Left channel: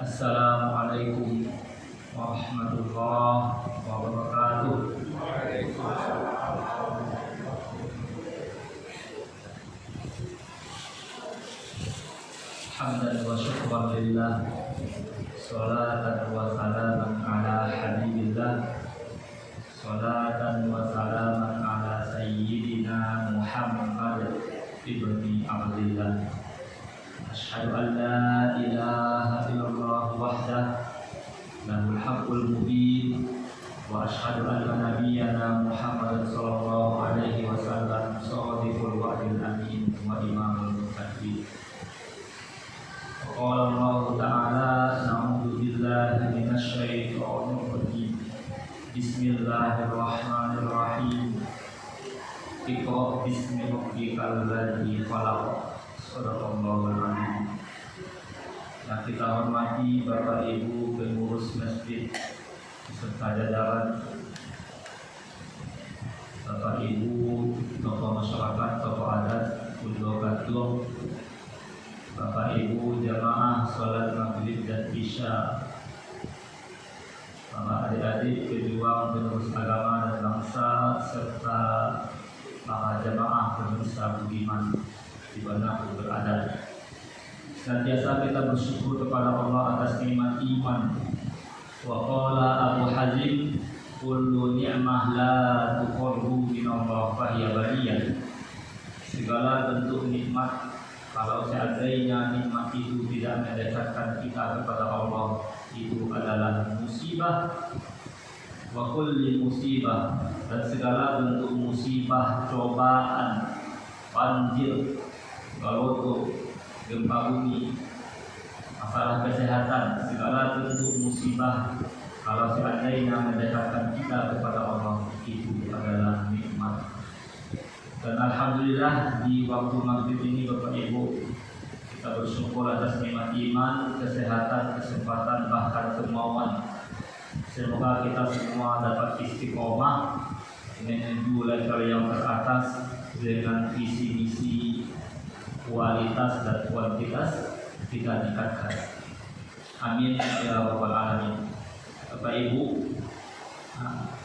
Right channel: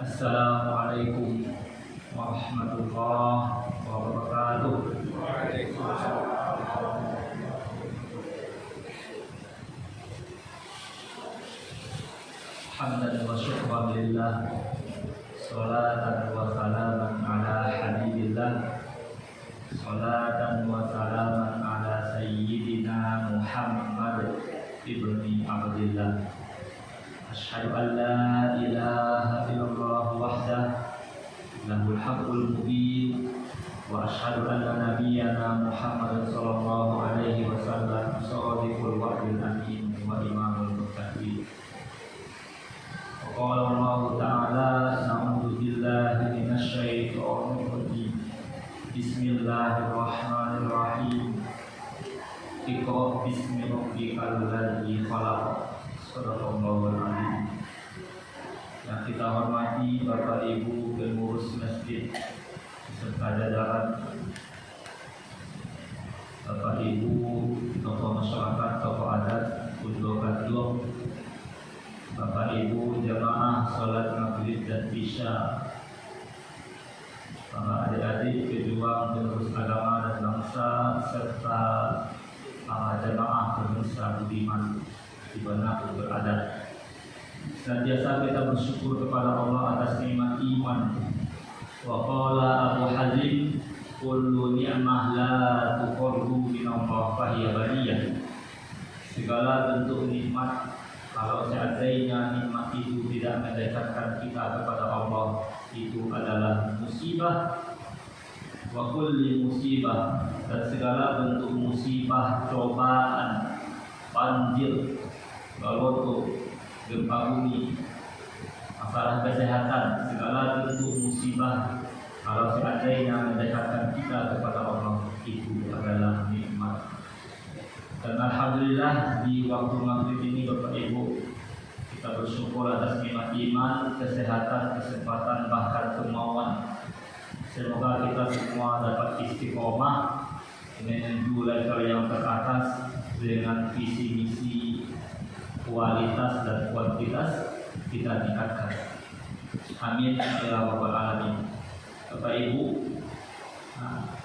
Assalamualaikum warahmatullahi wabarakatuh. Hamdan wa syukran lillah, salatan wa salaman ala habibillah, salatan wa salaman ala sayyidina Muhammad ibni Abdillah. Asyhadu an la ilaha illallah wahdah lahul haqqul mubin, wa asyhadu anna nabiyyana Muhammad sallallahu alaihi wasallam shadiqul wa'dil amin wa imamul muttaqin. Qala Allah ta'ala, na'udzu billahi minasy syaithanir rajim. Bismillahirrahmanirrahim. Iqra bismi rabbikal ladzi khalaq. Sadaqallahul azim. Yang kita hormati Bapak Ibu pengurus masjid beserta jajaran, Bapak Ibu tokoh masyarakat, tokoh adat, Udlo, Bapak Ibu jamaah sholat maghrib dan isya, para adik-adik pejuang penerus agama dan bangsa, serta para jamaah pemirsa budiman di mana berada. Senantiasa kita bersyukur kepada Allah atas nikmat iman. Wa qala Abu Hazim, kullu ni'mah la tuqarru min Allah fa hiya ghaniyah. Segala bentuk nikmat, kalau seandainya nikmat itu tidak mendekatkan kita kepada Allah, itu adalah musibah. Wa kulli musibah, dan segala bentuk musibah, cobaan, banjir, baloto, gempa bumi, masalah kesehatan, segala bentuk musibah, kalau seandainya mendekatkan kita kepada Allah, itu adalah nikmat. Dan alhamdulillah di waktu maghrib ini Bapak Ibu, kita bersyukur atas nikmat iman, kesehatan, kesempatan, bahkan kemauan. Semoga kita semua dapat istiqomah menuju level yang teratas dengan visi misi, kualitas dan kuantitas kita tingkatkan. Amin ya rabbal alamin. Bapak Ibu,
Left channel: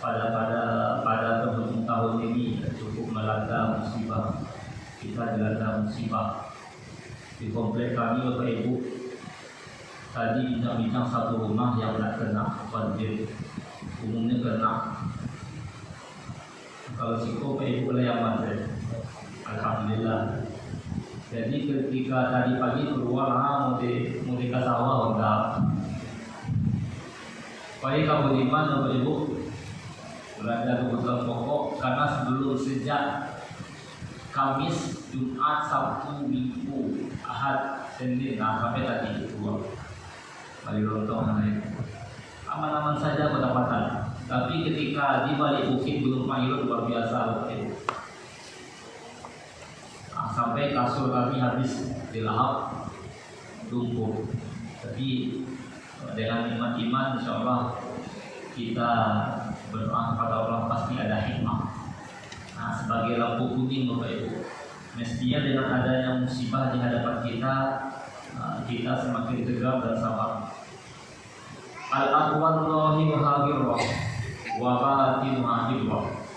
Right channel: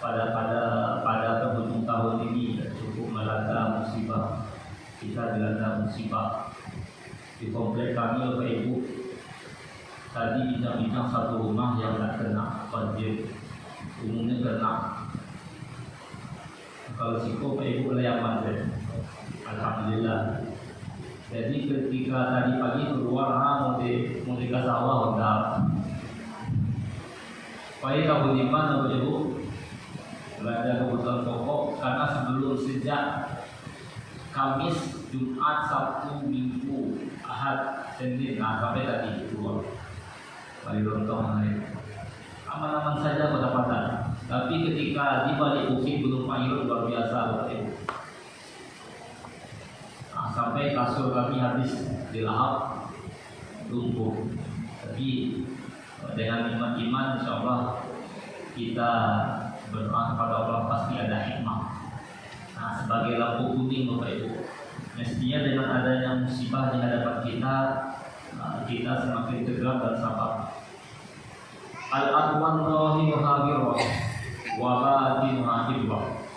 pada penghujung tahun ini cukup melanda musibah. Kita dilanda musibah di komplek kami. Bapak Ibu, tadi bincang-bincang satu rumah yang tidak kena banjir, umumnya kena. Kalau situ Bapak Ibu layaman, alhamdulillah. Jadi ketika tadi pagi keluar mau di sawah udah. Baik Abu Diman, Bapak Ibu, belanja kebutuhan pokok karena sebelum sejak Kamis, Jumat, Sabtu, Minggu, Ahad, Senin, sampai tadi keluar. Kali lontong aman-aman saja kedapatan. Tapi ketika di balik bukit Gunung Pangil luar biasa, Bapak Ibu. Sampai kasur kami habis dilahap, lumpuh. Tapi dengan nikmat iman, insya Allah kita berdoa kepada Allah, pasti ada hikmah. Nah, sebagai lampu kuning Bapak Ibu, mestinya dengan adanya musibah di hadapan kita, kita semakin tegar dan sabar. Al-aqwallahi muhawirah wa batinun hibah.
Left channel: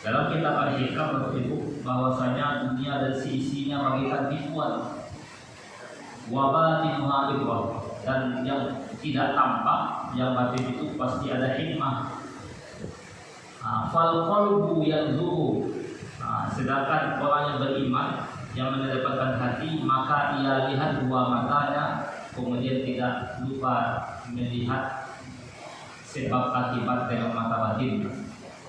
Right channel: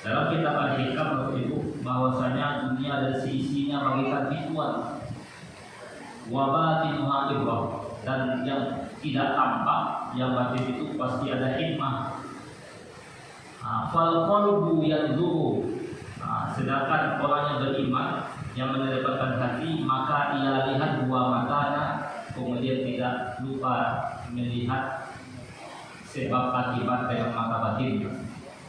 Dalam kitab Al-Hikam Bapak Ibu, bahwasanya dunia ada sisinya bagaikan bituan, wa batinun hibah, dan yang tidak tampak, yang batin itu pasti ada hikmah. Fal qalbu yanzuru. Sedangkan orang yang beriman, yang mendapatkan hati, maka ia lihat dua matanya, kemudian tidak lupa melihat sebab akibat dengan mata batin.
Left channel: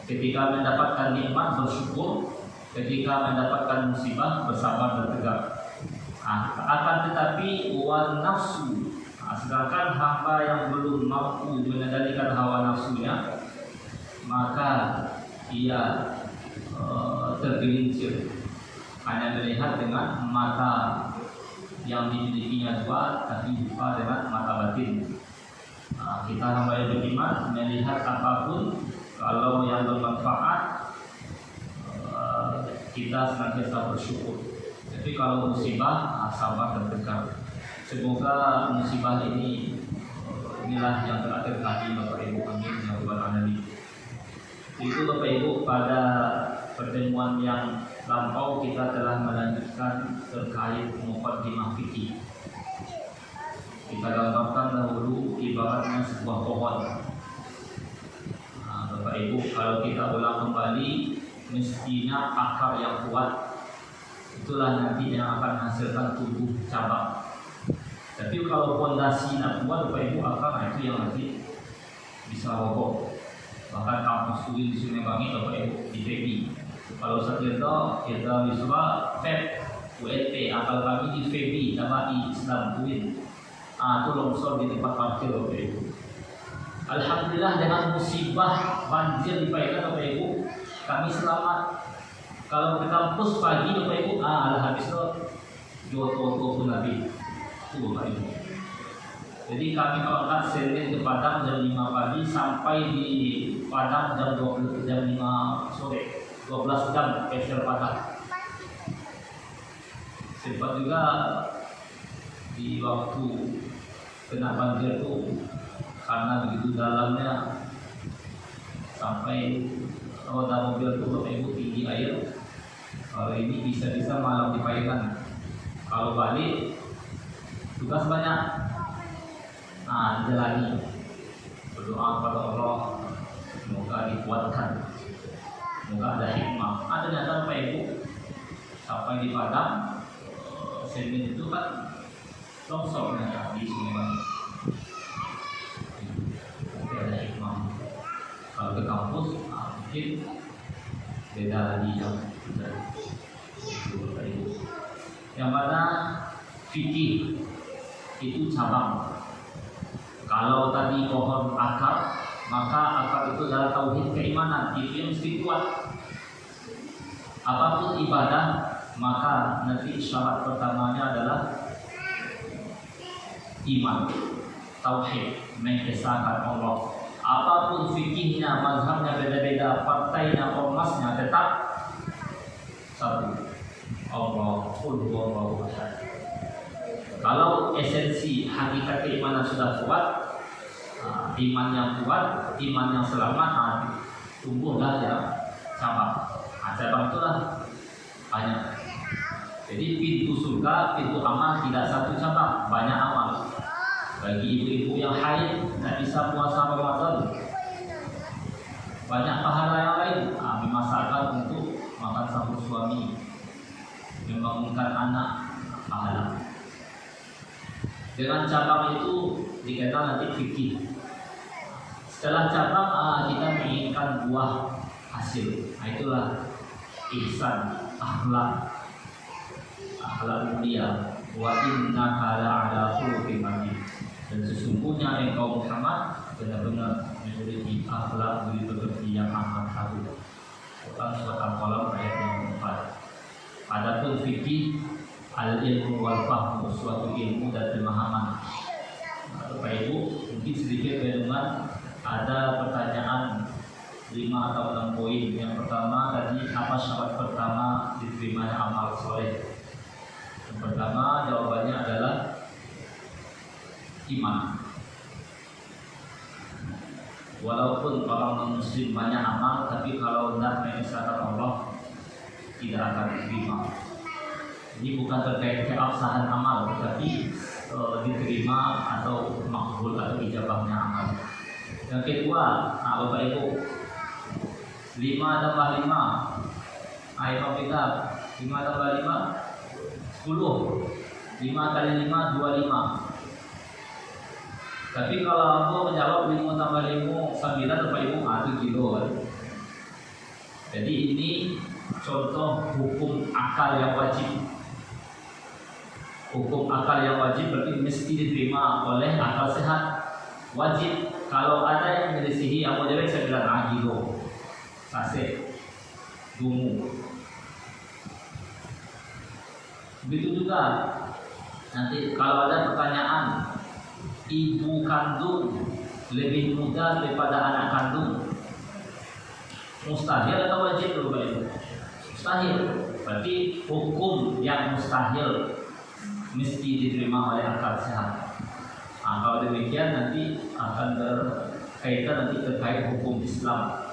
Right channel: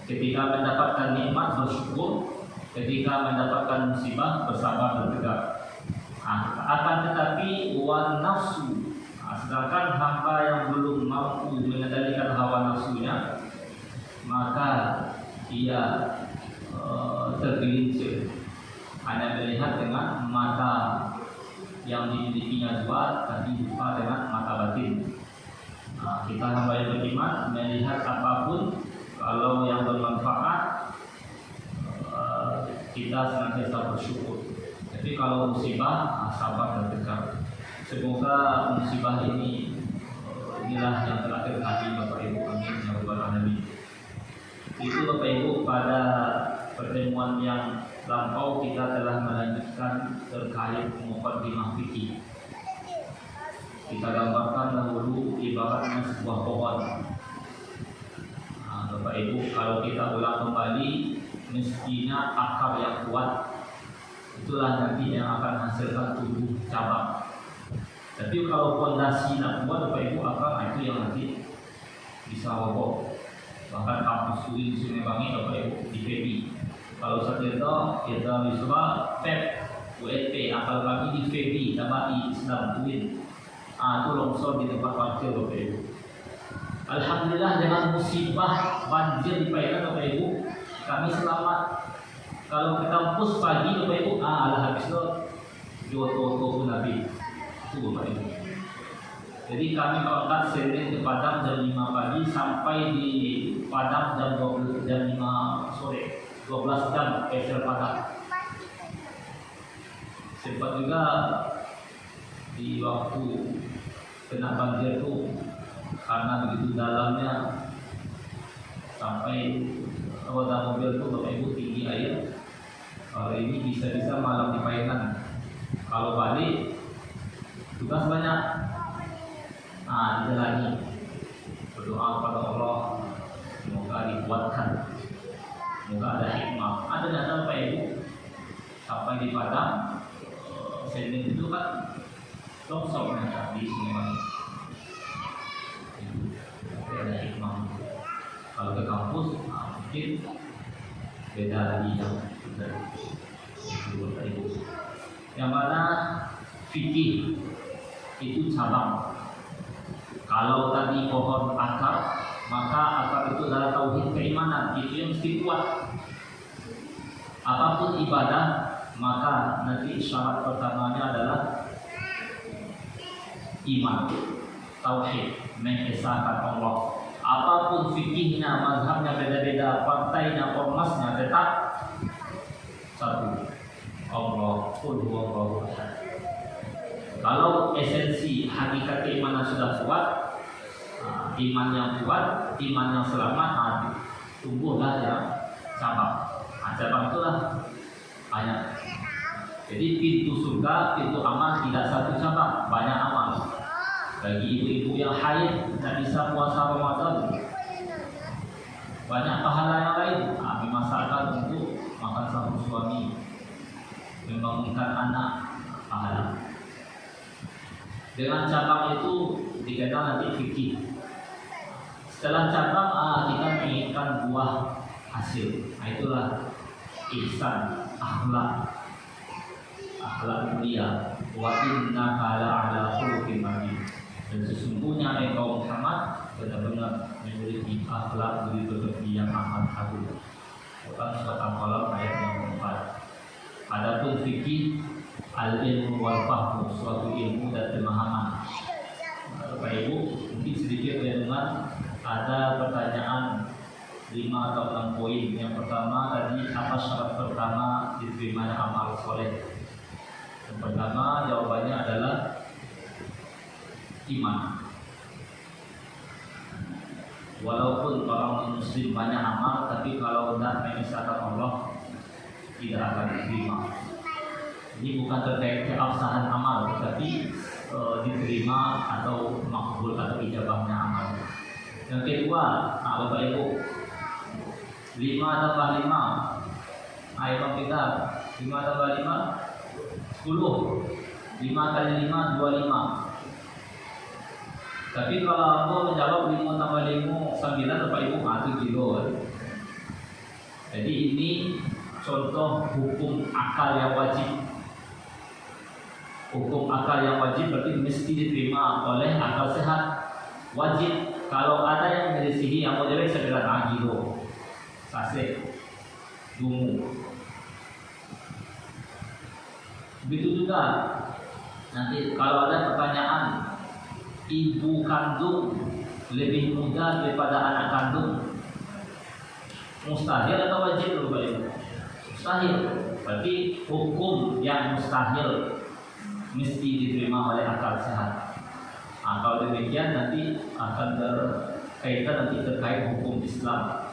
Ketika mendapatkan nikmat bersyukur, ketika mendapatkan musibah bersabar bertegak. Akan tetapi wan nafsu, sedangkan hamba yang belum mampu mengendalikan hawa nafsunya, maka ia tergelincir, hanya melihat dengan mata yang dimilikinya dua, tapi lupa dengan mata batin. Kita hamba yang beriman melihat apapun, kalau yang bermanfaat kita senantiasa bersyukur. Tapi kalau musibah sabar dan tegar. Semoga musibah ini inilah yang terakhir kali Bapak Ibu kami yang berbahagia. Itu Bapak Ibu, pada pertemuan yang lampau kita telah melanjutkan terkait muqaddimah fikih. Kita gambarkan dahulu ibaratnya sebuah pohon. Nah, Bapak Ibu, kalau kita ulang kembali, mestinya akar yang kuat itulah nanti yang akan menghasilkan tumbuh cabang. Tapi kalau fondasi tidak kuat, Bapak Ibu, akar itu yang nanti bisa roboh. Bahkan kampus studi di Sumewangi, Bapak Ibu, di PB. Kalau sekitar kita bisa PEP, ULP, akal kami di PB, Jama'i Islam UIN. Itu longsor di tempat parkir, Bapak Ibu. Alhamdulillah dengan musibah banjir di Paikan, Bapak Ibu, kami selamat. Kalau ke kampus pagi, Bapak Ibu, habis itu Joto pun habis. Itu Bapak Ibu. Jadi kami berangkat Senin ke Padang jam 5 pagi sampai di Padang jam 5 sore. 12 jam peser Padang. Sempat juga di waktu kena banjir itu karena begitu dalamnya sampai roda mobil itu Bapak Ibu tinggi air. Kalau ini bisa-bisa malam di Paikan. Kalau balik tugas banyak. Jalani. Berdoa kepada Allah semoga dikuatkan. Semoga ada hikmah. Ada nyata Bapak Ibu sampai di Padang Senin itu kan longsornya di Sumewangi. Ada hikmah. Kalau ke kampus mungkin beda lagi yang yang mana fikih itu cabang. Kalau tadi pohon akar, maka akar itu adalah tauhid keimanan, itu yang mesti kuat. Apapun ibadah, maka nanti syarat pertamanya adalah iman, tauhid, mengesahkan Allah. Apapun fikihnya, mazhabnya beda-beda, partainya, ormasnya tetap satu. Allah, qul huwallahu ahad. Kalau esensi hakikat keimanan sudah kuat, iman yang kuat, iman yang selamat, tumbuhlah ya cabang. Cabang itulah banyak. Jadi pintu surga, pintu aman tidak satu cabang, banyak amal. Bagi ibu-ibu yang haid tidak bisa puasa Ramadan, banyak pahala yang lain. Memasakkan untuk makan sahur suami, membangunkan anak, pahala. Dengan cabang itu dikenal nanti fikih. Setelah cabang kita menginginkan buah hasil. Itulah ihsan, akhlak mulia. Wa innaka la'ala khuluqin adzim. Dan sesungguhnya engkau Muhammad benar-benar memiliki akhlak budi yang amat agung. Quran surat Al-Qalam ayat yang 4. Adapun fikih al-ilmu wal fahmu, suatu ilmu dan pemahaman. Bapak Ibu, mungkin sedikit teman ada pertanyaan 5 atau 6 poin. Yang pertama tadi, apa syarat pertama diterimanya amal soleh? Yang pertama jawabannya adalah iman. Walaupun orang muslim banyak amal, tapi kalau tidak mengesahkan Allah tidak akan diterima. Ini bukan terkait keabsahan amal, tetapi diterima atau makbul atau ijabahnya amal. Yang kedua, Bapak Ibu, 5 tambah 5, ayo kita 5 tambah 5, 10. 5 kali 5, 25. Tapi kalau aku menjawab 5 tambah 5, 9, Bapak Ibu, 1 kilo. Jadi ini contoh hukum akal yang wajib. Hukum akal yang wajib berarti mesti diterima oleh akal sehat. Wajib. Kalau ada yang menyelisihi atau jelek, saya bilang kilo, sase, dungu. Begitu juga nanti kalau ada pertanyaan, ibu kandung lebih muda daripada anak kandung, mustahil atau wajib? Mustahil. Berarti hukum yang yang mustahil mesti diterima oleh akal sehat. Nah, kalau demikian nanti akan berkaitan nanti terkait hukum Islam.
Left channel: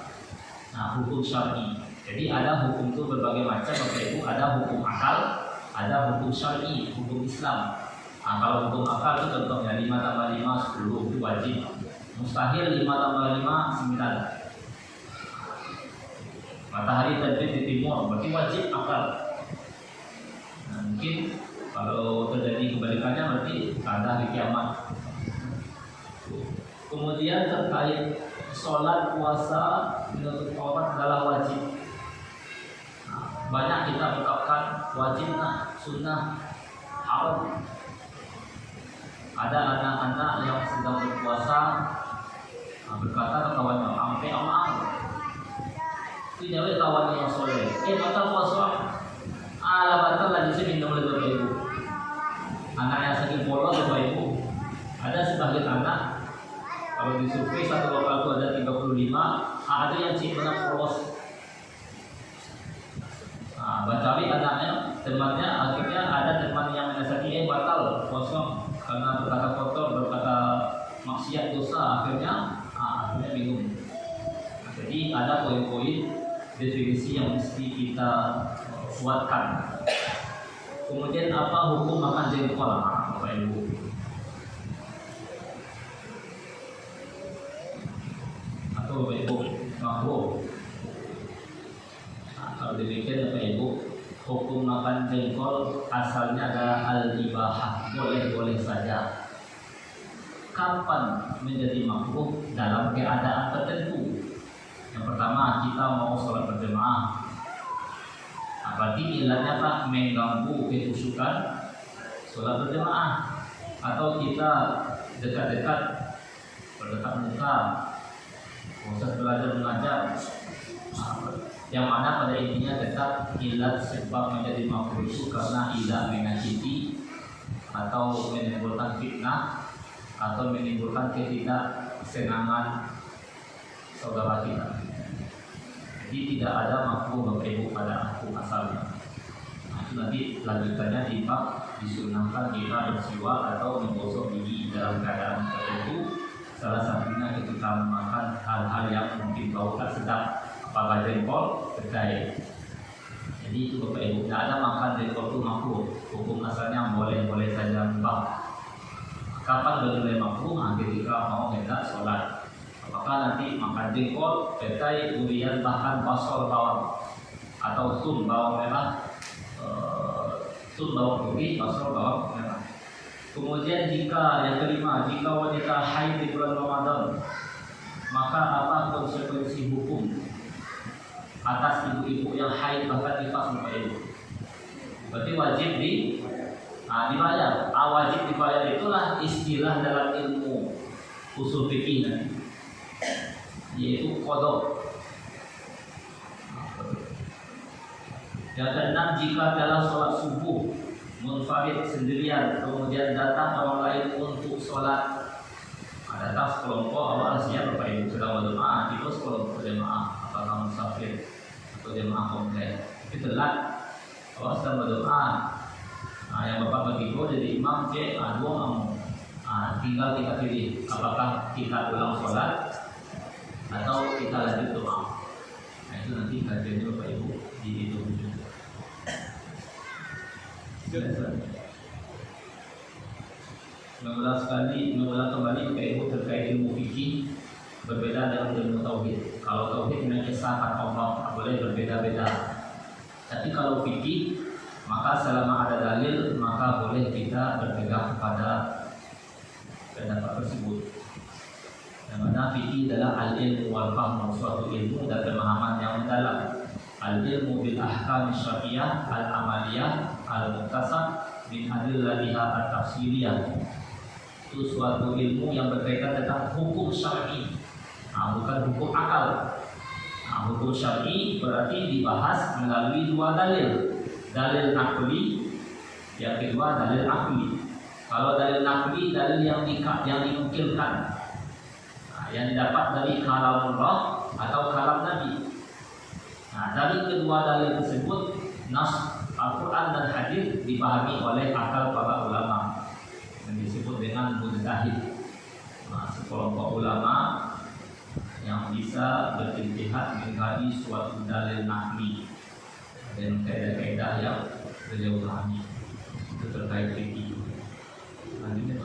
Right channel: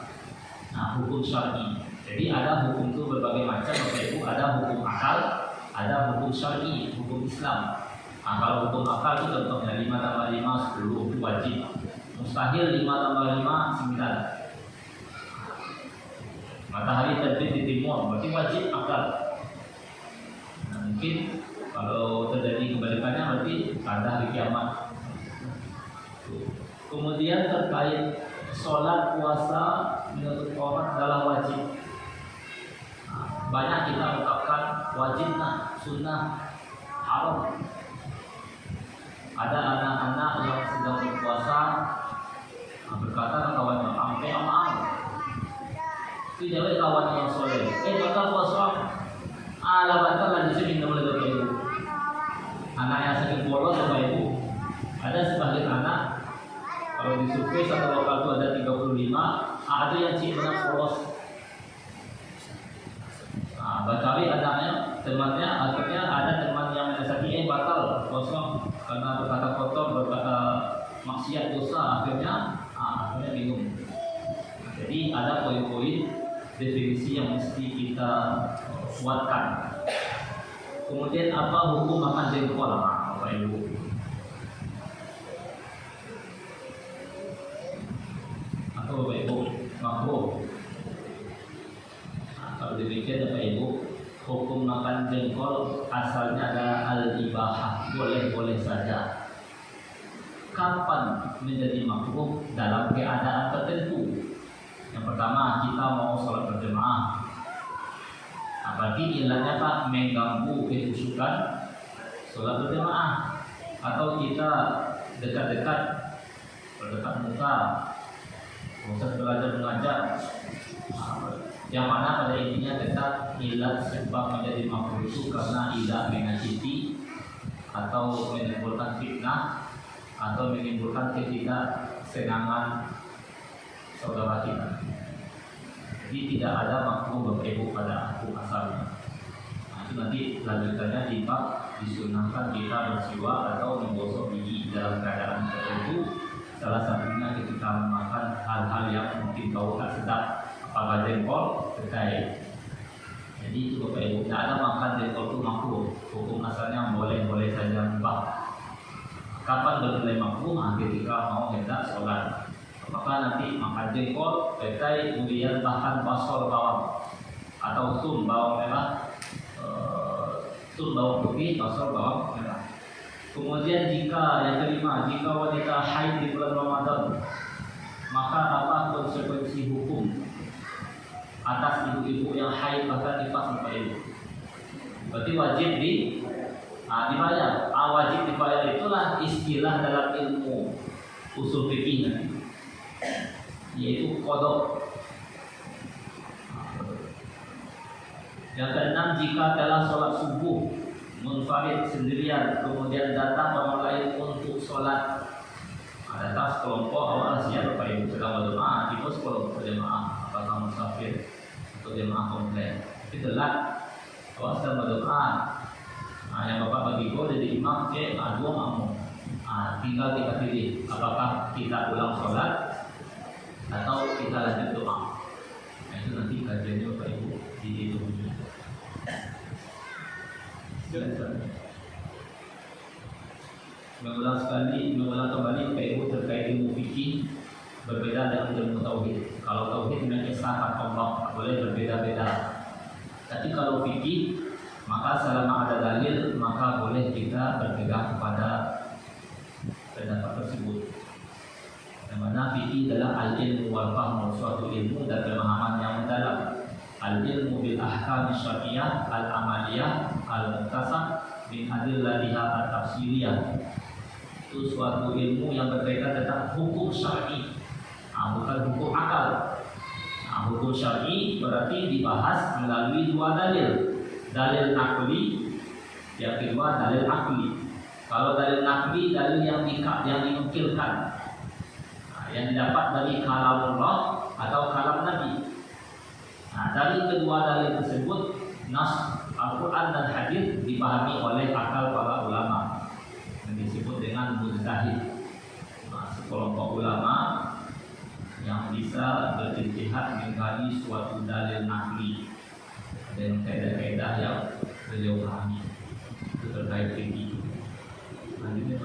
Nah, hukum syar'i. Jadi ada hukum itu berbagai macam, yaitu ada hukum akal, ada hukum syar'i, hukum Islam. Nah, kalau hukum akal itu contohnya 5 tambah 5 10 itu wajib. Mustahil 5 tambah 5 9. Matahari terbit di timur berarti wajib akal. Nah, mungkin kalau terjadi kebalikannya berarti tanda hari kiamat. Kemudian terkait sholat, puasa, menurut orang adalah wajib. Nah, banyak kita berkatakan wajib, sunnah, haram. Ada anak-anak yang sedang berpuasa berkata kawan sampai amal. Tidak boleh kawan yang soleh. Batal puasa. Batal lah di sini oleh Bapak Ibu. Anak yang sakit polos Bapak Ibu. Ada sebagian anak kalau di survei satu lokal itu ada 35, ada yang sih benar polos. Bacawi anaknya, temannya, akhirnya ada teman yang sakit batal kosong karena berkata kotor, berkata maksiat dosa, akhirnya bingung. Jadi ada poin-poin definisi yang mesti kita kuatkan. Kemudian apa hukum makan jengkol, Bapak Ibu? Atau Bapak Ibu makruh? Kalau demikian Bapak Ibu, hukum makan jengkol asalnya adalah al-ibahah, boleh-boleh saja. Kapan menjadi makruh? Dalam keadaan tertentu. Yang pertama, kita mau sholat berjemaah. Berarti ilahnya tak mengganggu kekhusyukan sholat berjemaah. Atau kita dekat-dekat, berdekat muka, proses belajar mengajar. Yang mana pada intinya dekat ilat sebab menjadi makruh itu karena ilat menyakiti atau menimbulkan fitnah atau menimbulkan ketidaksenangan saudara kita. Jadi tidak ada makruh berkaitan pada hukum asalnya. Nanti lanjutannya di bab disunahkan kita bersiwak atau menggosok gigi dalam keadaan tertentu. Salah satunya ketika makan hal-hal yang mungkin bau tak sedap, apakah jengkol terkait. Jadi itu Bapak Ibu, tidak ada makan jengkol itu makruh. Hukum asalnya boleh-boleh saja mubah. Kapan benar makruh? Ketika mau hendak sholat. Apakah nanti makan jengkol, petai, kemudian tahan basol bawang atau tun bawang merah, tun bawang putih, basol bawang merah. Kemudian jika yang kelima, jika wanita haid di bulan Ramadan, maka apa konsekuensi hukum atas ibu-ibu yang haid bahkan nifas Bapak Ibu? Berarti wajib dibayar. Wajib dibayar itulah istilah dalam ilmu usul fikih nanti, yaitu qadha. Yang keenam, jika dalam sholat subuh munfarid sendirian, kemudian datang orang lain untuk sholat, datang sekelompok awal siap Bapak Ibu sedang berjemaah, itu sekelompok jemaah atau musafir atau jemaah komplek, itu telat kalau sedang berjemaah. Yang Bapak bagi gol jadi imam C, dua makmum. Tinggal kita pilih apakah kita ulang sholat atau kita lanjut doa. Itu nanti kajiannya Bapak Ibu di itu. Mengulang kembali Bapak Ibu terkait ilmu fikih berbeda dengan ilmu tauhid. Kalau tauhid dengan Esa atau Allah boleh berbeda-beda. Tapi kalau fikih, maka selama ada dalil maka boleh kita berpegang kepada pendapat tersebut. Yang mana fikih adalah al-ilmu wal fahmu, suatu ilmu dan pemahaman yang mendalam. Al-ilmu bil ahkam syar'iyyah al-amaliyah al-muktasab min adillatiha at-tafsiliyah. Itu suatu ilmu yang berkaitan tentang hukum syar'i, bukan hukum akal. Hukum syar'i berarti dibahas melalui dua dalil. Dalil akli, yang kedua dalil akli. Kalau dalil akli, dalil yang dinukilkan, yang didapat dari kalam Allah atau kalam Nabi. Dari kedua dalil tersebut, nas Al-Quran dan hadis dipahami oleh akal para ulama yang disebut dengan mujtahid. Nah, sekelompok ulama yang bisa berijtihad mengkaji suatu dalil nahwi dan kaidah-kaidah yang beliau pahami itu terkait fikih. Nah, ini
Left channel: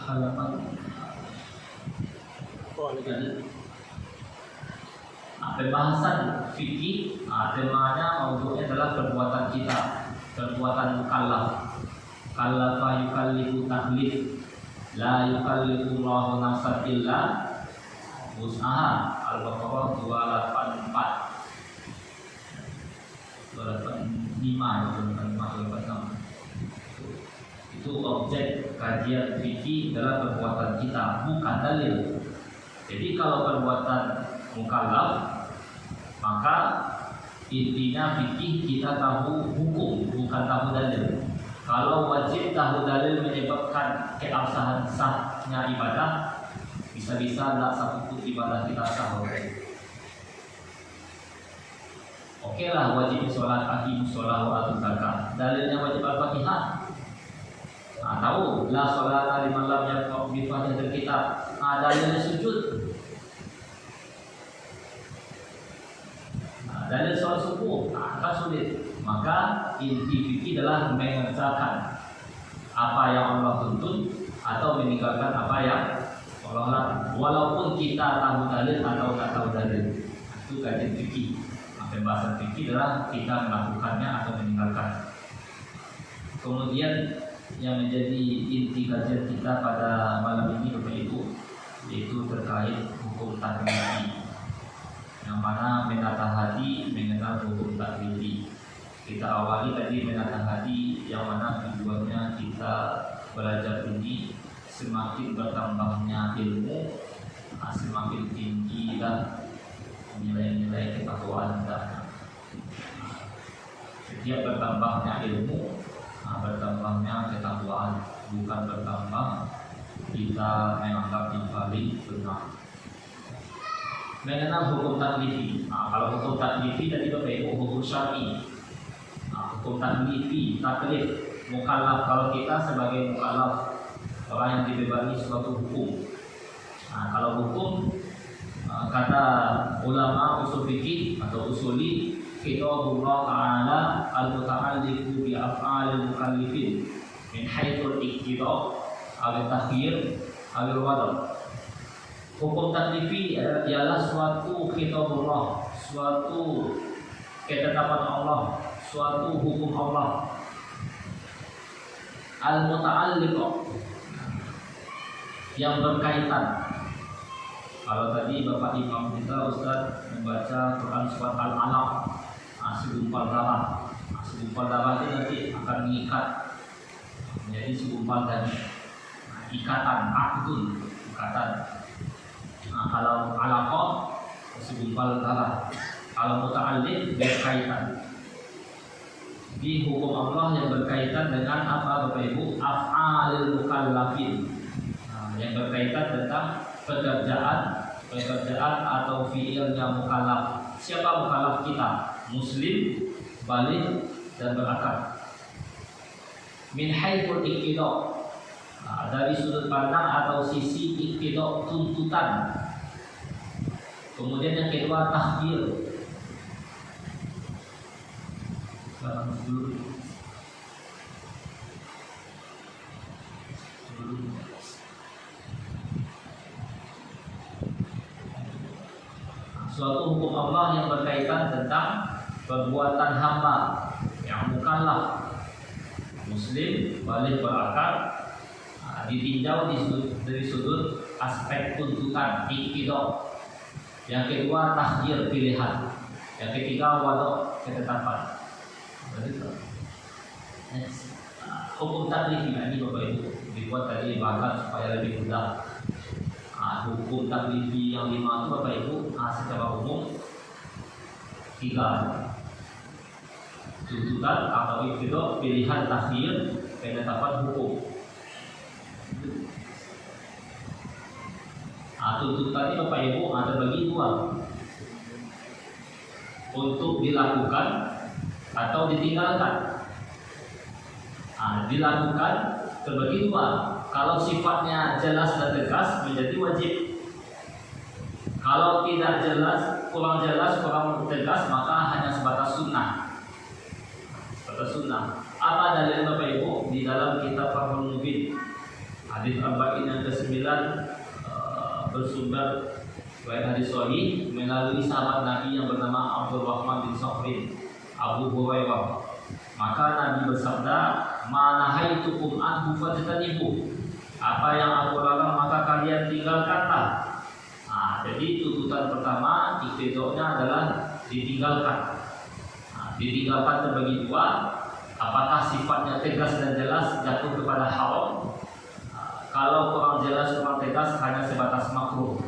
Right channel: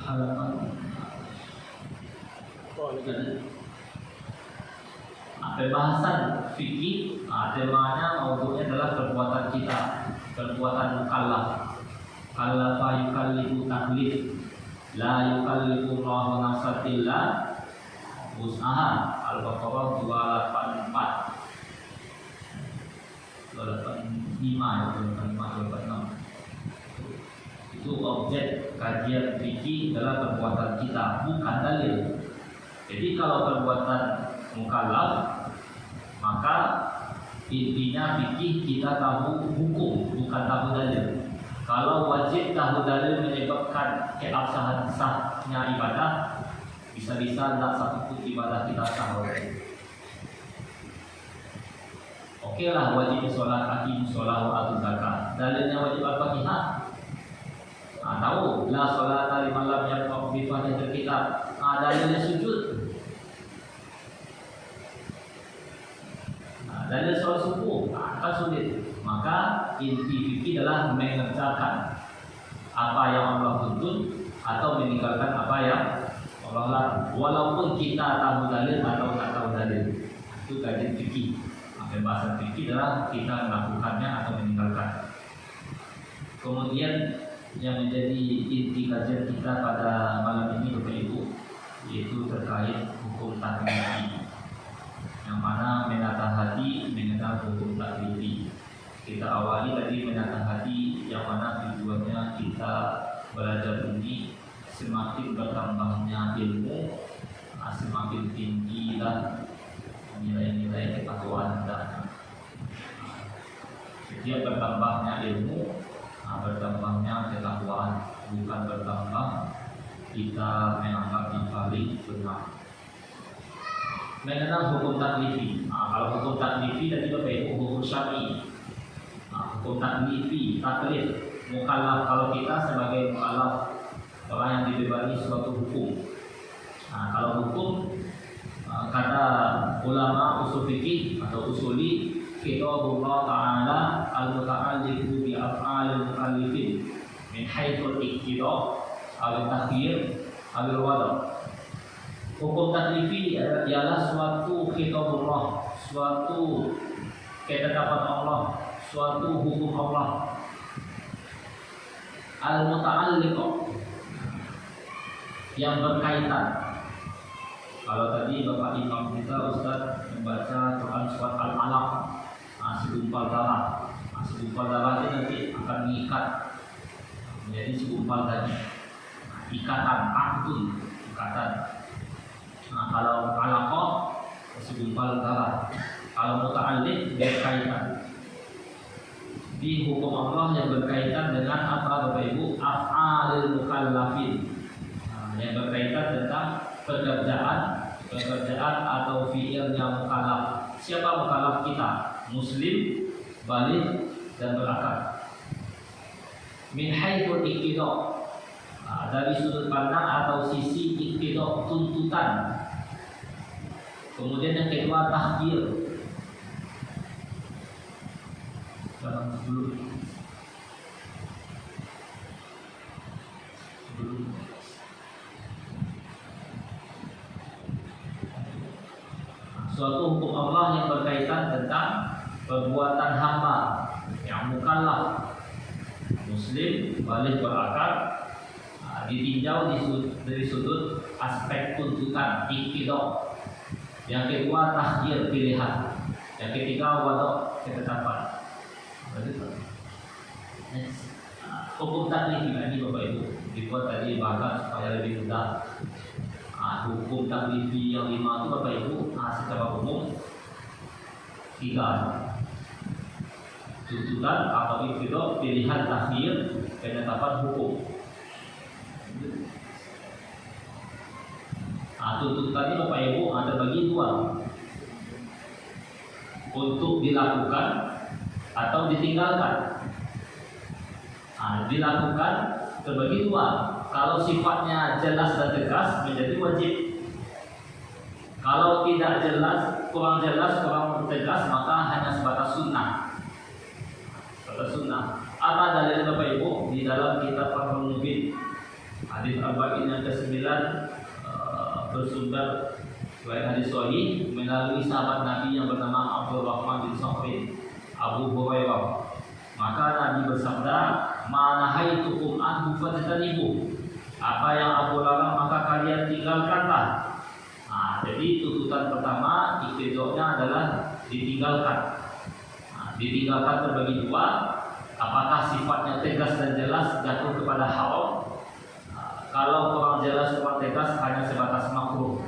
halaman pembahasan fikih. Temanya maudhu'nya adalah perbuatan kita, perbuatan mukallaf. Kallafa yukallifu taklif, la yukallifu Allahu nafsan illa wus'aha. Al-Baqarah 284. 285 itu objek kajian fikih dalam perbuatan kita, bukan dalil. Jadi kalau perbuatan mukallaf, maka intinya fikih kita tahu hukum, bukan tahu dalil. Kalau wajib tahu dalil menyebabkan keabsahan sahnya ibadah, bisa-bisa tidak sanggup ibadah kita sah. Oke lah, wajib sholat, aqimus sholat wa atuz zakat. Dalilnya wajib al-Fatihah. Nah, tahu la sholata liman lam yaqra bi Fatihatil kitab. Nah, dalilnya sujud. Nah, dalil sholat subuh, kan sulit. Maka inti fikih adalah mengerjakan apa yang Allah tuntut atau meninggalkan apa yang Allah larang. Walaupun kita tahu dalil atau tidak tahu dalil, itu kajian fikih. Pembahasan fikih adalah kita melakukannya atau meninggalkan. Kemudian yang menjadi inti kajian kita pada malam ini Bapak Ibu, yaitu terkait hukum taklifi, yang mana menata hati mengenal hukum taklifi. Kita awali tadi menata hati, yang mana tujuannya kita belajar ini semakin bertambahnya ilmu, semakin tinggilah nilai-nilai ketakwaan kita. Setiap bertambahnya ilmu, bertambahnya ketakwaan, bukan bertambah kita menganggap yang paling benar. Mengenal hukum taklifi. Kalau hukum taklifi tadi Bapak Ibu hukum syar'i. Hukum taklifi, taklif, mukallaf. Kalau kita sebagai mukallaf, orang yang dibebani suatu hukum. Kalau hukum, kata ulama usul fikih atau usuli, kitabullah ta'ala al-muta'alliqu bi af'alil mukallifin min haitsul iqtida' al-takhyir al-wada'. Hukum taklifi adalah suatu kitabullah, suatu ketetapan Allah, suatu hukum Allah. Al-muta'alliq, yang berkaitan. Kalau tadi Bapak Imam kita Ustaz membaca Quran surat Al-Alaq, segumpal darah. Segumpal darah itu nanti akan mengikat menjadi segumpal dan ikatan, akdun, ikatan. Kalau alaqah segumpal darah. Kalau muta'alliq berkaitan. Di hukum Allah yang berkaitan dengan apa Bapak Ibu? Af'alil mukallafin. Yang berkaitan tentang pekerjaan atau fi'ilnya mukallaf. Siapa mukallaf kita? Muslim, baligh dan berakal. Min haitsul iqtida', dari sudut pandang atau sisi iqtida', tuntutan. Kemudian yang kedua tahdir. Suatu hukum Allah yang berkaitan tentang perbuatan hamba yang mukallaf, muslim, baligh berakal, ditinjau dari sudut aspek tuntutan, iqtida'. Yang kedua tahdir, pilihan. Yang ketiga wada', ketetapan. Hukum taklifi ini Bapak Ibu dibuat tadi bahkan supaya lebih mudah. Hukum taklifi yang 5 itu Bapak Ibu secara umum 3: tuntutan atau iqtida', pilihan, tahdir, ketetapan, hukum. Tuntutan ini Bapak Ibu terbagi 2. untuk dilakukan atau ditinggalkan. Dilakukan terbagi dua. Kalau sifatnya jelas dan tegas menjadi wajib. Kalau tidak jelas, kurang tegas, maka hanya sebatas sunnah. Apa dalilnya Bapak Ibu? Di dalam kitab Fathul Mubin hadis Arba'in yang ke-9 bersumber dari hadis sahih melalui sahabat Nabi yang bernama Abdurrahman bin Sakhrin Abu Hurairah. Maka Nabi bersabda, "Ma nahaitukum anhu fajtanibu." Apa yang aku larang maka kalian tinggalkanlah. Jadi tuntutan pertama iktidoknya adalah ditinggalkan. Ditinggalkan terbagi dua. Apakah sifatnya tegas dan jelas jatuh kepada haram? Kalau kurang jelas, kurang tegas hanya sebatas makruh.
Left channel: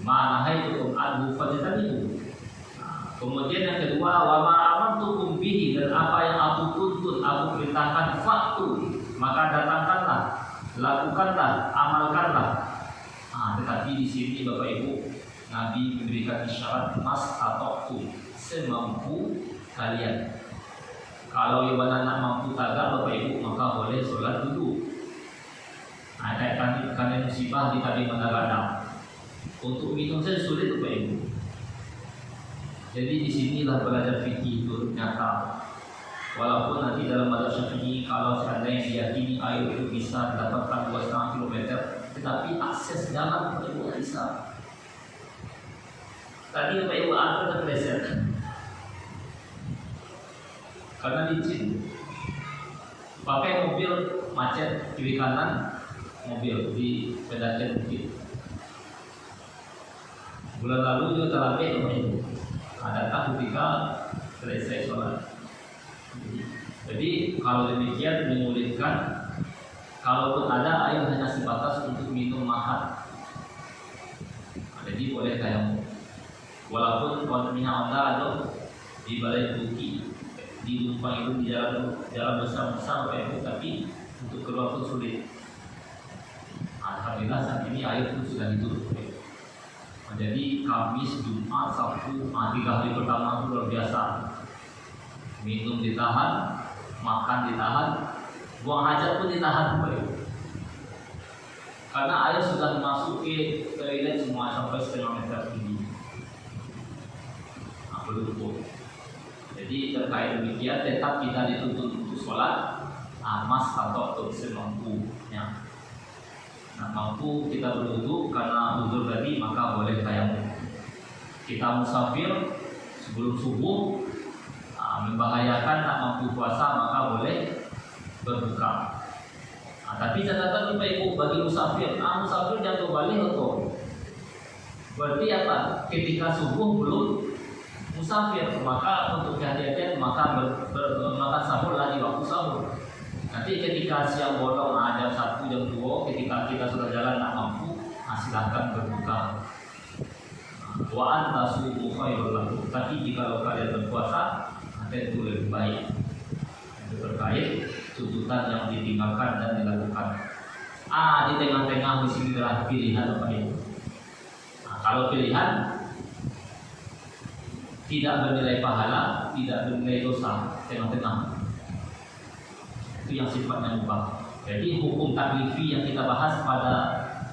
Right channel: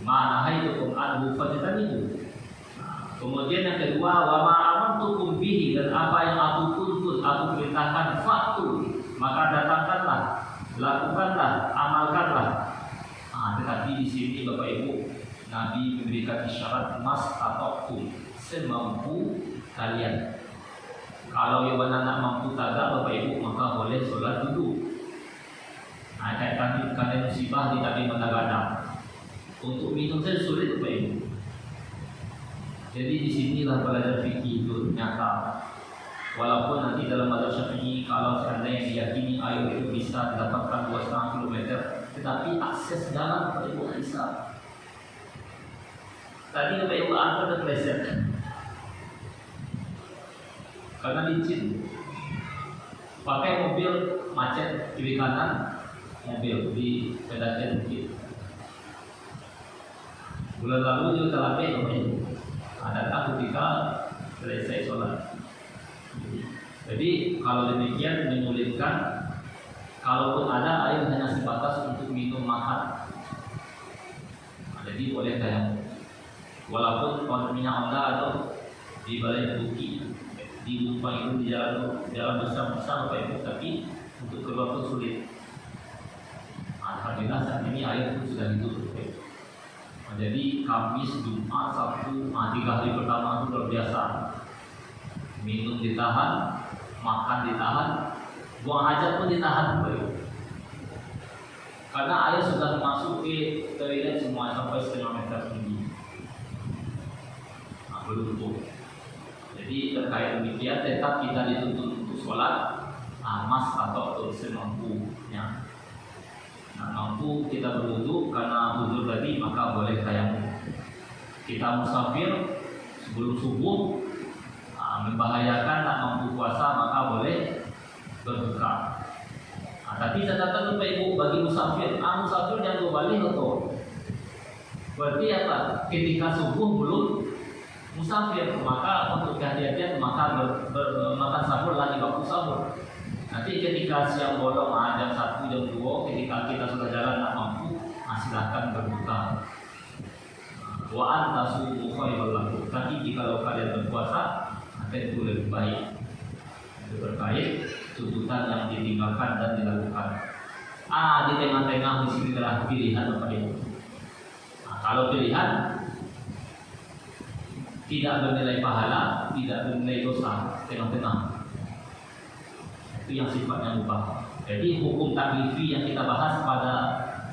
Ma nahaitukum anhu fajtanibu. Kemudian yang kedua, wa ma amartukum bihi, dan apa yang aku tuntut, aku perintahkan, fa'tu, maka datangkanlah, lakukanlah, amalkanlah. Tetapi di sini Bapak Ibu, Nabi memberikan isyarat mastata'tum, semampu kalian. Kalau yang nak mampu tagak Bapak Ibu, maka boleh sholat dulu. Kayak kalian musibah di tadi mendadak. Untuk minum saja sulit Bapak Ibu. Jadi di sinilah belajar fikih itu nyata. Walaupun nanti dalam mazhab Syafi'i kalau seandainya diyakini air itu bisa mendapatkan 2,5 km, tetapi akses dalam itu bisa. Tadi Bapak Ibu apa terpleset? Karena licin. Pakai mobil macet kiri kanan, mobil di pedacet bukit. Bulan lalu juga terlambat Bapak Ibu. Datang ketika selesai sholat. Jadi kalau demikian menyulitkan. Kalaupun ada air hanya sebatas untuk minum makan. Jadi boleh tayamum. Walaupun kontennya ada di balai buki, di Lumpang itu di jalan besar-besar Bapak Ibu, tapi untuk keluar itu sulit. Alhamdulillah saat ini air itu sudah ditutup. Jadi Kamis, Jumat, Sabtu, 3 hari pertama itu luar biasa. Minum ditahan, makan ditahan, buang hajat pun ditahan. Karena air sudah masuk ke toilet semua sampai setengah meter tinggi. Berlumpur. Jadi terkait demikian tetap kita dituntut untuk sholat mas atau semampunya. Mampu kita berwudu karena wudu tadi maka boleh tayamum. Kita musafir sebelum subuh membahayakan tak mampu puasa maka boleh berbuka. Tapi catatan Bapak Ibu bagi musafir, musafir jangan kembali atau berarti apa? Ketika subuh belum musafir maka untuk kehadiran maka makan sahur lagi waktu sahur. Nanti ketika siang bolong jam 1, jam 2, ketika kita sudah jalan tak mampu, silahkan berbuka. Wa antasumu khairul lakum. Tapi jika kalian berpuasa, itu lebih baik. Itu terkait tuntutan yang ditinggalkan dan dilakukan. Di tengah-tengah di sini adalah pilihan Bapak Ibu. Kalau pilihan tidak bernilai pahala, tidak bernilai dosa, tengah-tengah. Itu yang sifatnya mubah. Jadi hukum taklifi yang kita bahas pada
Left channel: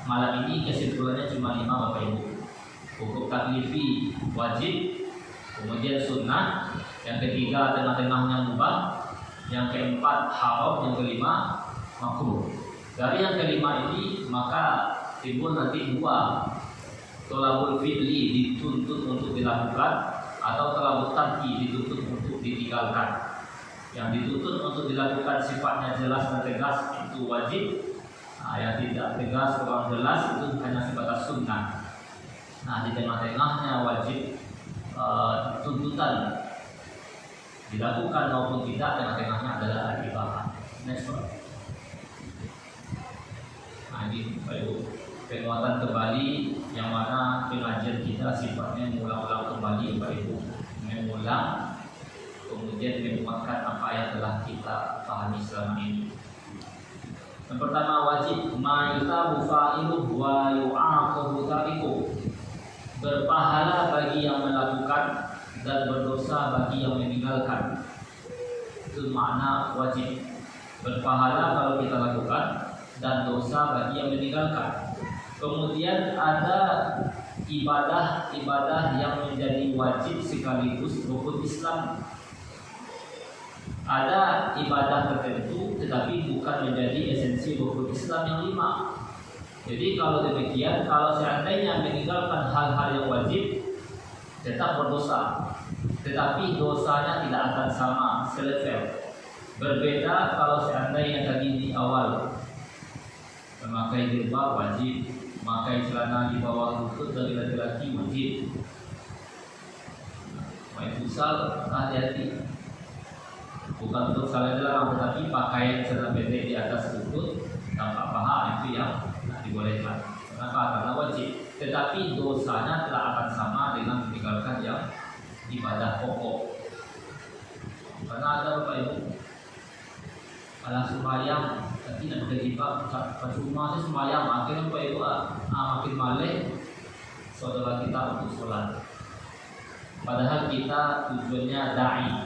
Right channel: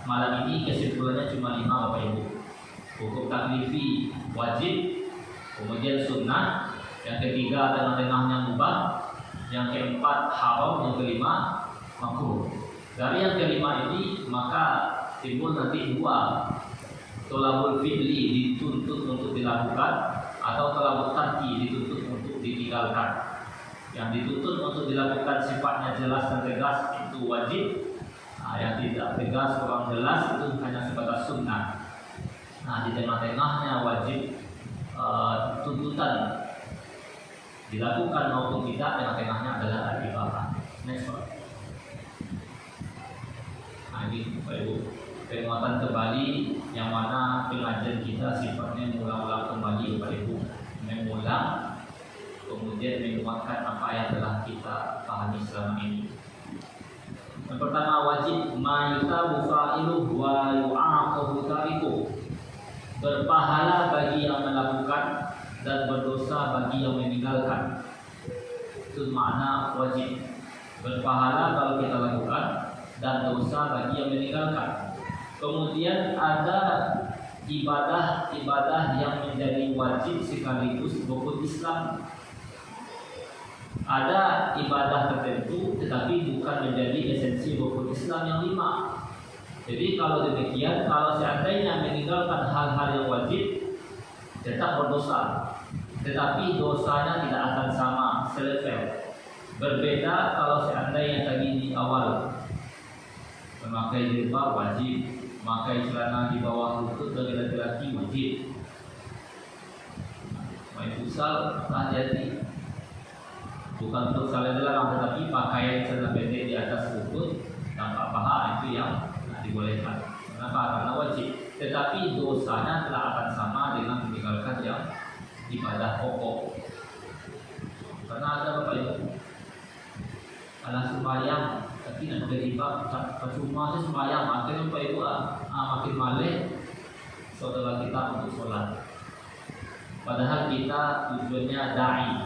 malam ini kesimpulannya cuma 5 Bapak Ibu. Hukum taklifi wajib, kemudian sunnah, yang ketiga tengah-tengahnya mubah, yang keempat haram, yang kelima makruh. Dari yang kelima ini maka timbul nanti 2. Tolabul fi'li dituntut untuk dilakukan atau tolabul tarki dituntut untuk ditinggalkan. Yang dituntut untuk dilakukan sifatnya jelas dan tegas itu wajib. Yang tidak tegas kurang jelas itu hanya sebatas sunnah. Di tengah-tengahnya wajib tuntutan dilakukan maupun tidak, tengah-tengahnya adalah ibadah. Next one. Ini penguatan kembali yang mana pengajian kita sifatnya mengulang-ulang kembali Bapak Ibu, mengulang kemudian menguatkan apa yang telah kita pahami selama ini. Yang pertama wajib ma'yutabu fa'iluh wa yu'aqabu tariku. Berpahala bagi yang melakukan dan berdosa bagi yang meninggalkan. Itu makna wajib. Berpahala kalau kita lakukan dan dosa bagi yang meninggalkan. Kemudian ada ibadah-ibadah yang menjadi wajib sekaligus rukun Islam. Ada ibadah tertentu tetapi bukan menjadi esensi rukun Islam yang 5. Jadi kalau demikian, kalau seandainya meninggalkan hal-hal yang wajib tetap berdosa, tetapi dosanya tidak akan sama, selevel. Berbeda kalau seandainya tadi di awal memakai jilbab wajib, memakai celana di bawah lutut bagi laki-laki wajib. Main futsal hati-hati, bukan untuk salah dilarang, tetapi pakaian celana pendek di atas lutut tanpa paha itu yang dibolehkan. Kenapa? Karena wajib. Tetapi dosanya tidak akan sama dengan meninggalkan yang ibadah pokok. Karena ada Bapak Ibu, kalau sembahyang tapi tidak pakai jilbab, percuma sih sembahyang. Akhirnya Bapak Ibu makin malik saudara kita untuk sholat. Padahal kita tujuannya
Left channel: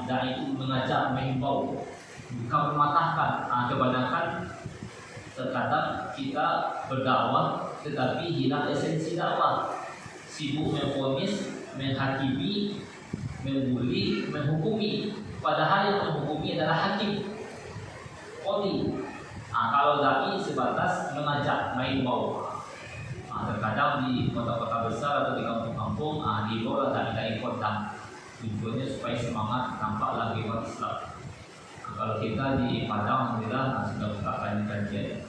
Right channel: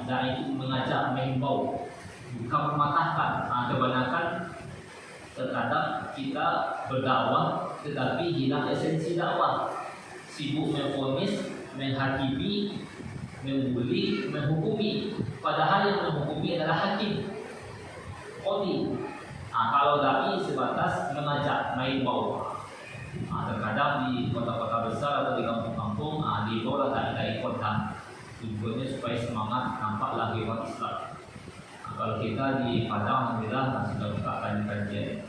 dai itu mengajak, menghimbau, bukan mematahkan. Kebanyakan terkadang kita berdakwah tetapi hilang esensi dakwah, sibuk memvonis, menghakimi, membuli, menghukumi. Padahal yang menghukumi adalah hakim, qadhi. Kalau dai sebatas mengajak, mengimbau. Terkadang di kota-kota besar atau di kampung-kampung dibawa dai kota, tujuannya supaya semangat nampak lagi umat Islam. Kalau kita di Padang, alhamdulillah sudah buka kajian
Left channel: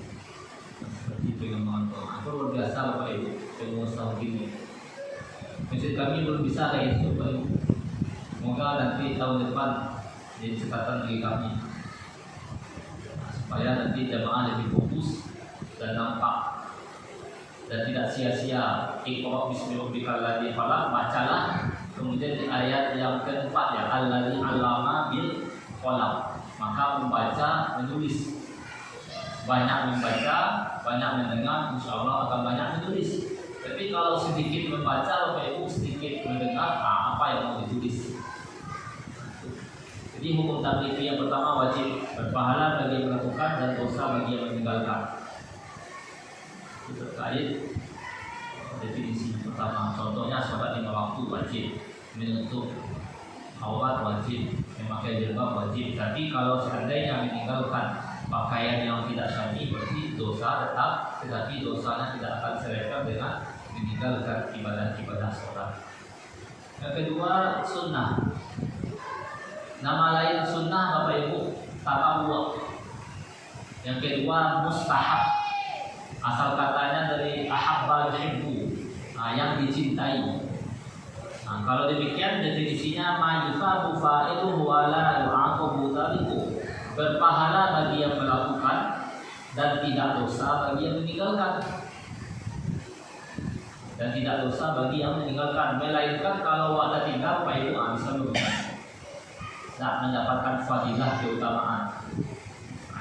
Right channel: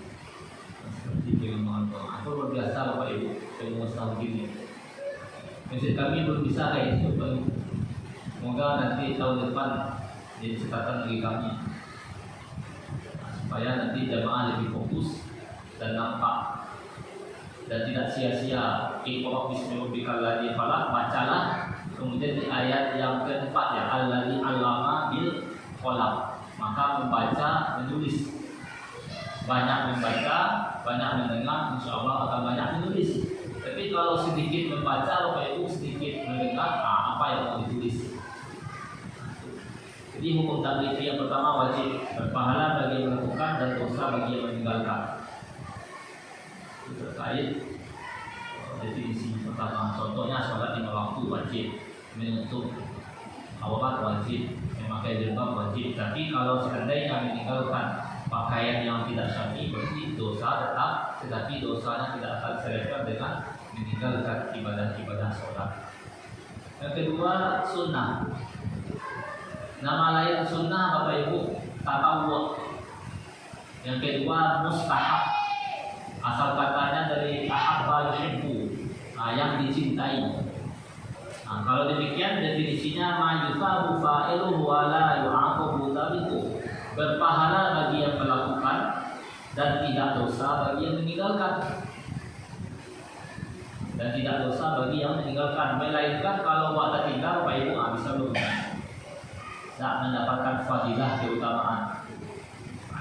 seperti pengembangan. Itu luar biasa Bapak Ibu, pengusaha begini. Masjid kami belum bisa kayak itu Bapak Ibu. Semoga nanti tahun depan jadi catatan bagi kami, supaya nanti jemaah lebih fokus dan nampak dan tidak sia-sia. Iqra bismi rabbikal ladzi khalaq, bacalah. Kemudian di ayat yang keempat ya, alladzi 'allama bil qalam. Maka membaca, menulis. Banyak membaca, banyak mendengar, insya Allah akan banyak menulis. Tapi kalau sedikit membaca, Bapak Ibu sedikit mendengar, apa yang mau ditulis. Jadi hukum taklif yang pertama wajib, berpahala bagi yang melakukan dan dosa bagi yang meninggalkan. Itu terkait definisi pertama. Contohnya sholat 5 waktu wajib, menutup aurat wajib, memakai jilbab wajib. Tapi kalau seandainya meninggalkan pakaian yang tidak syar'i, berarti dosa tetap, tetapi dosanya tidak akan selevel dengan meninggalkan ibadah-ibadah sholat. Yang kedua, sunnah. Nama lain sunnah Bapak Ibu, tatawwu'. Yang kedua, mustahab. Asal katanya dari ahabba yuhibbu, yang dicintai. Kalau demikian definisinya ma yusabu fa'iluhu wa la yu'aqabu tariku. Berpahala bagi yang melakukan dan tidak dosa bagi yang meninggalkan. Dan tidak dosa bagi yang meninggalkan. Melainkan kalau waktu tinggal Bapak Ibu bisa berubah, tidak mendapatkan fadilah keutamaan.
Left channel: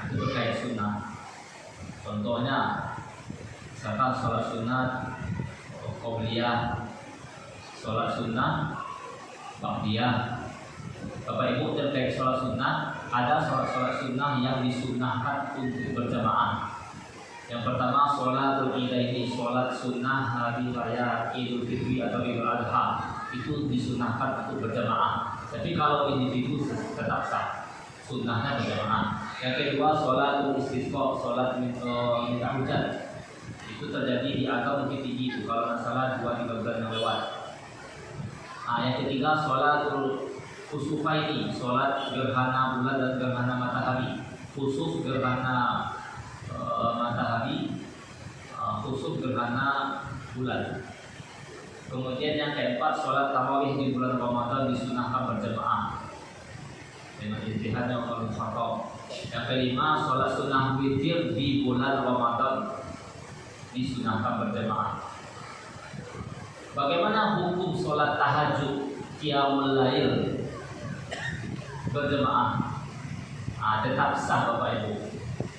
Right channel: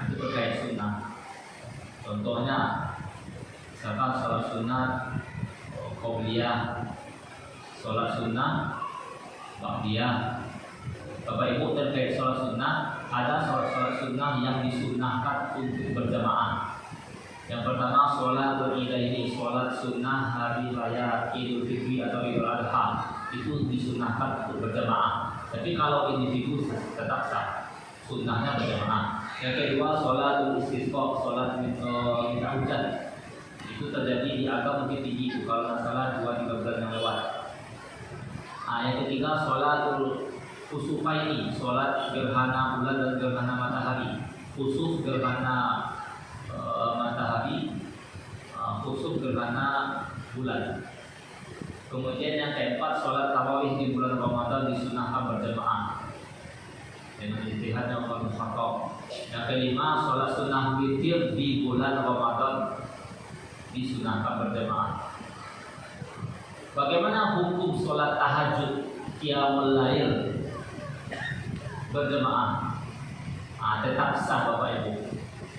Itu terkait sunnah. Contohnya misalkan sholat sunat qobliyah, sholat sunnah ba'diyah. Bapak Ibu terkait sholat sunnah, ada sholat sunnah yang disunnahkan untuk berjamaah. Yang pertama sholat Idaini, sholat sunnah hari raya Idul Fitri atau Idul Adha, itu disunnahkan untuk berjamaah. Tapi kalau individu tetap sah, sunnahnya berjamaah. Yang kedua sholat istisqa, sholat minta hujan. Itu terjadi di agama Bukit Tinggi itu kalau masalah 2-3 bulan yang lewat. Yang ketiga sholatul kusufaini, sholat gerhana bulan dan gerhana matahari. Kusuf gerhana matahari, kusuf gerhana bulan. Kemudian yang keempat sholat tarawih di bulan Ramadan disunahkan berjamaah dengan ijtihad yang mufaqqah. Yang kelima sholat sunnah witir di bulan Ramadan disunahkan berjamaah. Bagaimana hukum sholat tahajud qiyamul lail berjamaah? Tetap sah Bapak Ibu,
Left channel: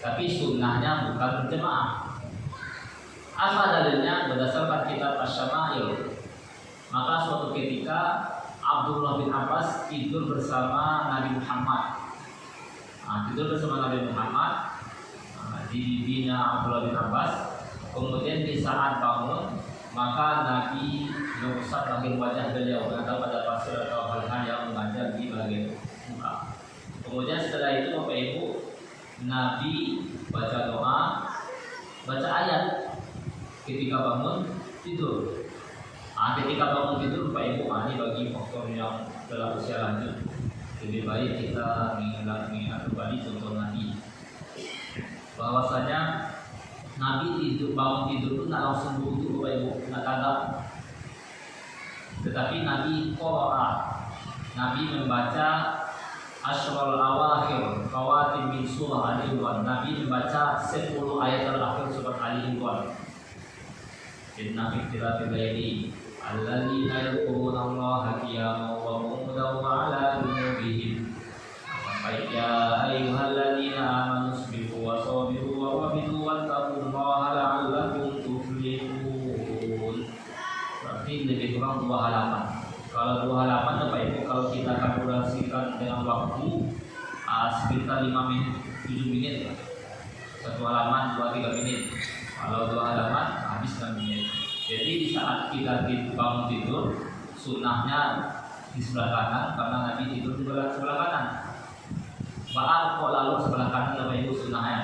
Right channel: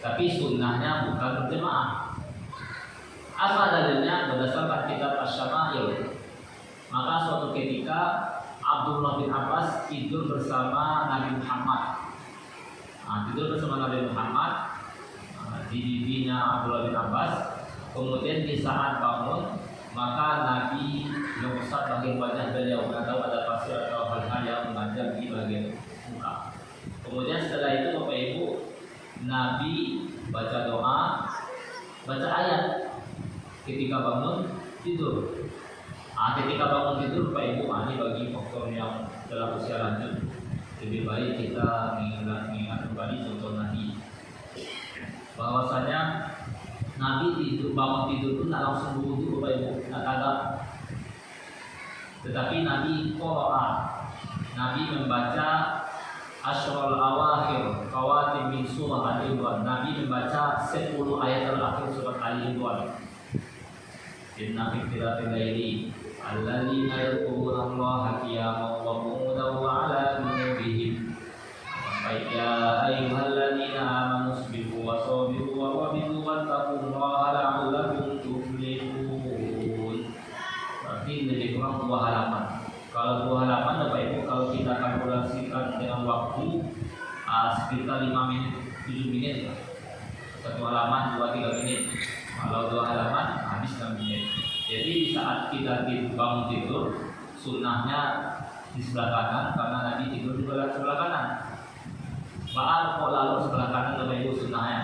tapi sunnahnya bukan berjamaah. Apa dalilnya? Berdasarkan kitab Asy-Syama'il. Maka suatu ketika Abdullah bin Abbas tidur bersama Nabi Muhammad. Tidur bersama Nabi Muhammad di bina Abdullah bin Abbas. Kemudian di saat bangun, maka Nabi mengusap bagian wajah beliau atau pada pasir atau hal-hal yang mengajar di bagian muka. Kemudian setelah itu Bapak Ibu, Nabi baca doa, baca ayat ketika bangun tidur. Ketika bangun tidur Bapak Ibu, ini bagi faktor yang telah usia lanjut, lebih baik kita mengingat kembali contoh Nabi, bahwasanya Nabi tidur, bangun tidur itu tidak langsung wudhu Bapak Ibu, tidak kagak. Tetapi Nabi qara'a, Nabi membaca Asyrul Awakhir Fawatim min surah Al-Imran. Nabi membaca 10 ayat terakhir surat Al-Imran. Inna fi ikhtilafil laili alladzina yadhkuruna Allaha qiyaman wa qu'udan wa 'ala junubihim. Ya ayyuhalladzina amanu isbiru wa sabiru wa rabitu wattaqullaha la'allakum tuflihun. Berarti lebih kurang 2 halaman. Kalau 2 halaman Bapak Ibu, kalau kita kalkulasikan dengan waktu sekitar 5 menit, 7 menit ya. 1 halaman 2-3 menit. Kalau 2 halaman habis 6 menit. Jadi di saat kita bangun tidur, sunnahnya di sebelah kanan karena Nabi tidur di sebelah kanan. Kok lalu sebelah kanan Bapak Ibu sunnahnya?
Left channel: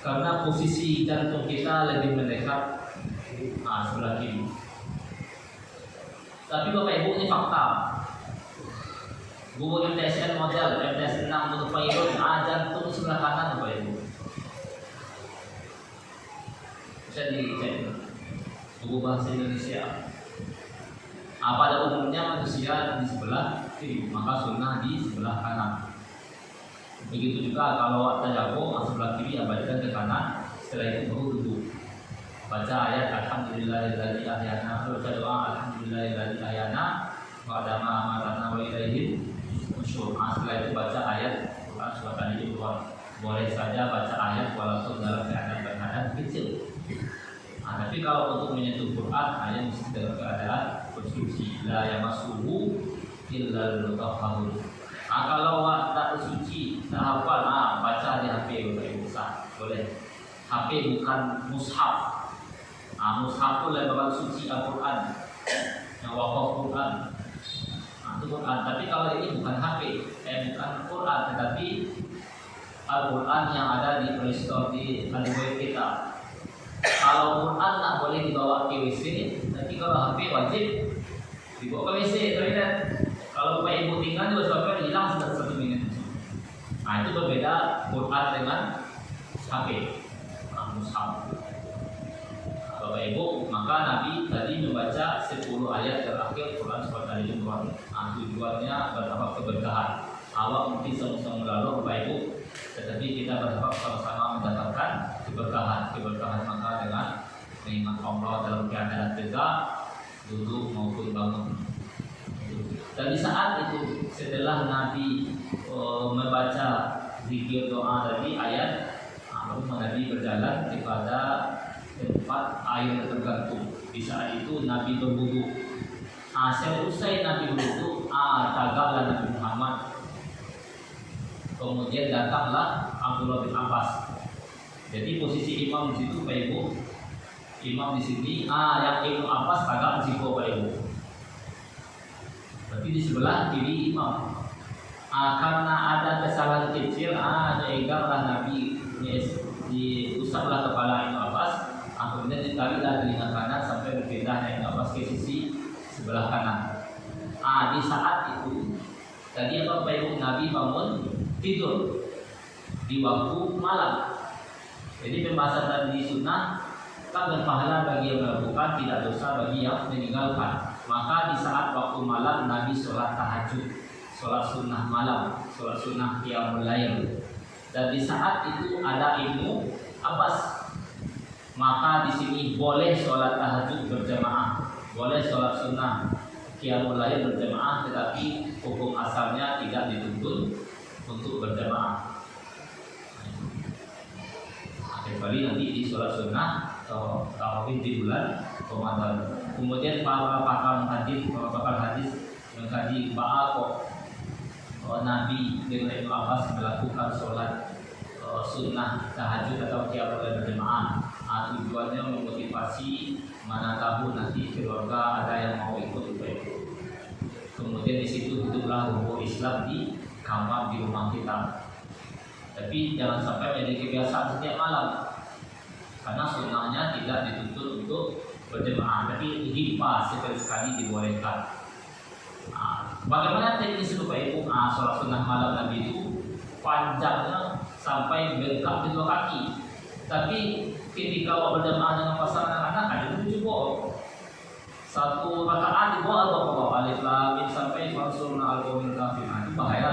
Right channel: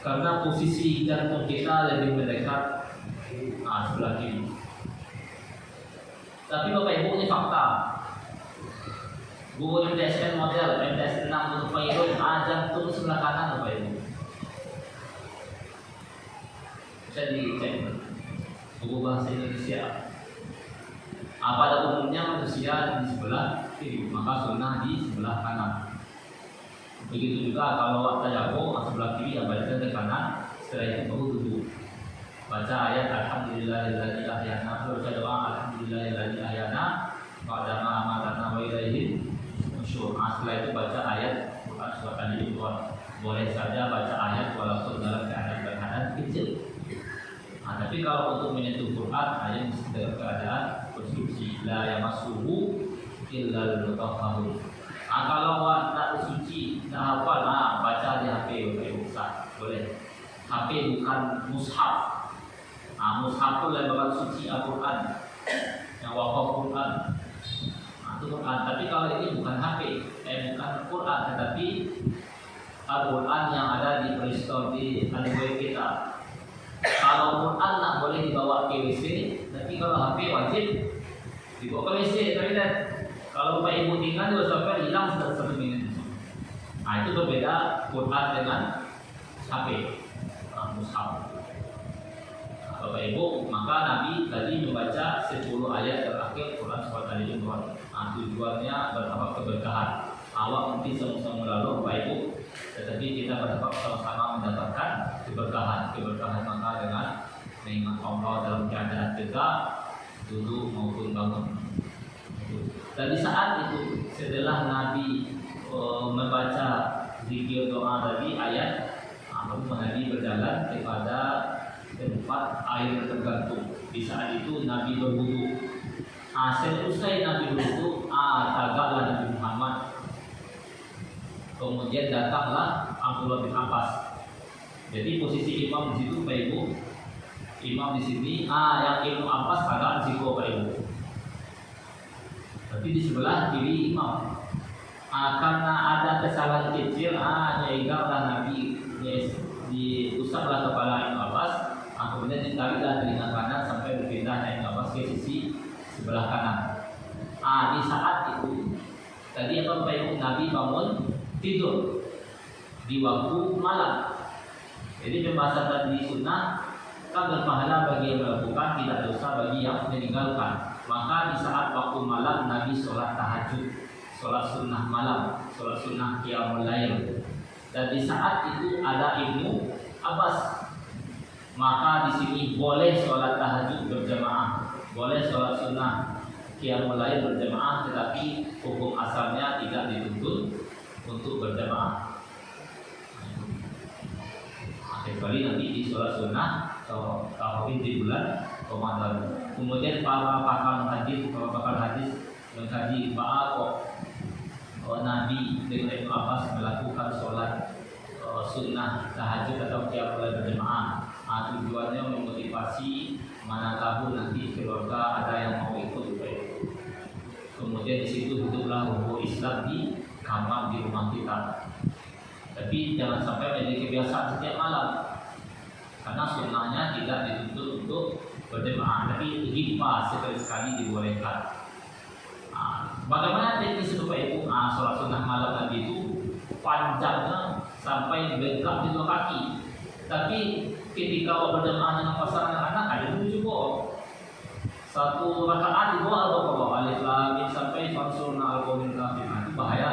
Karena posisi jantung kita lebih mendekat sebelah kiri. Tapi Bapak Ibu, ini fakta. Buku MTSN model MTSN 6 untuk pilot jantung sebelah kanan Bapak Ibu. Bisa dicek buku bahasa Indonesia. Pada umumnya manusia di sebelah kiri, maka sunnah di sebelah kanan. Begitu juga kalau tayammum sebelah kiri abaikan ke kanan, setelah itu baru duduk. Baca ayat Alhamdulillahilladzi ahyana, baca doa Alhamdulillahilladzi ahyana wa dama amatana wa ilaihi nusyur. Setelah itu baca ayat Quran surat Al-Imran. Boleh saja baca ayat walaupun dalam keadaan kecil. Tapi kalau untuk menyentuh Quran hanya mesti dalam keadaan bersuci. La yamassuhu illal mutahharun. Kalau tak suci, tak hafal, baca di HP boleh. HP bukan mushaf. Mushaf itu lembaran suci Al-Quran, yang wakaf Quran. Itu Quran. Tapi kalau ini bukan HP, bukan Quran, tetapi Al-Quran yang ada di Play Store di Android kita. Kalau Quran tak boleh dibawa ke WC, tapi kalau HP wajib dibawa ke WC, toilet. Kalau Bapak Ibu tinggal di sampai hilang sudah 1 menit. Itu berbeda Quran dengan HP, mushaf. Bapak Ibu, maka Nabi tadi membaca 10 ayat terakhir Quran surat Al-Imran. Tujuannya berharap keberkahan. Allah mungkin sama-sama lalu Bapak Ibu, tetapi kita berharap sama-sama mendapatkan keberkahan maka dengan mengingat Allah dalam keadaan tegak, duduk maupun bangun. Dan di saat itu setelah Nabi membaca zikir doa tadi ayat, Nabi berjalan kepada tempat air tergantung. Di saat itu Nabi berwudu. Selesai Nabi berwudu, tagaklah Nabi Muhammad. Kemudian datanglah Abdullah bin Abbas. Jadi posisi imam di situ Pak Ibu. Imam di sini, yang Ibnu Abbas agak di situ Pak Ibu. Tapi di sebelah kiri imam. Karena ada kesalahan kecil, sehingga Nabi diusaplah kepala Ibnu Abbas. Kemudian ditariklah telinga kanan sampai berpindahnya Ibnu Abbas ke sisi sebelah kanan. Di saat itu tadi Bapak Ibu, Nabi bangun tidur di waktu malam. Jadi pembahasan tadi sunnah tak berpahala bagi yang melakukan, tidak dosa bagi yang meninggalkan. Maka di saat waktu malam Nabi sholat tahajud, sholat sunnah malam, sholat sunnah qiyamul lail. Dan di saat itu ada Ibnu Abbas. Maka di sini boleh sholat tahajud berjamaah, boleh sholat sunnah qiyamul lail berjamaah, tetapi hukum asalnya tidak dituntut untuk berjamaah. Kecuali nanti di sholat sunnah atau di bulan Ramadan. Kemudian para pakar hadis tadi bahwa Nabi dengan Ibnu Abbas melakukan sholat sunnah tahajud atau qiyamul lail berjamaah. Tujuannya memotivasi mana tahu nanti keluarga ada yang mau ikut itu. Kemudian di situ hiduplah ruh Islam di kamar di rumah kita. Tapi jangan sampai menjadi kebiasaan setiap malam. Karena sunnahnya tidak dituntut untuk berjemaah, tapi hibah sekali-sekali dibolehkan. Bagaimana teknis supaya itu sholat sunnah malam Nabi itu panjangnya sampai bengkak 2 kaki. Tapi ketika berjemaah dengan pasangan anak ada 7 satu rakaat dibawa atau alif lam mim sampai fansurna al-qawmil kafirin. Bahaya.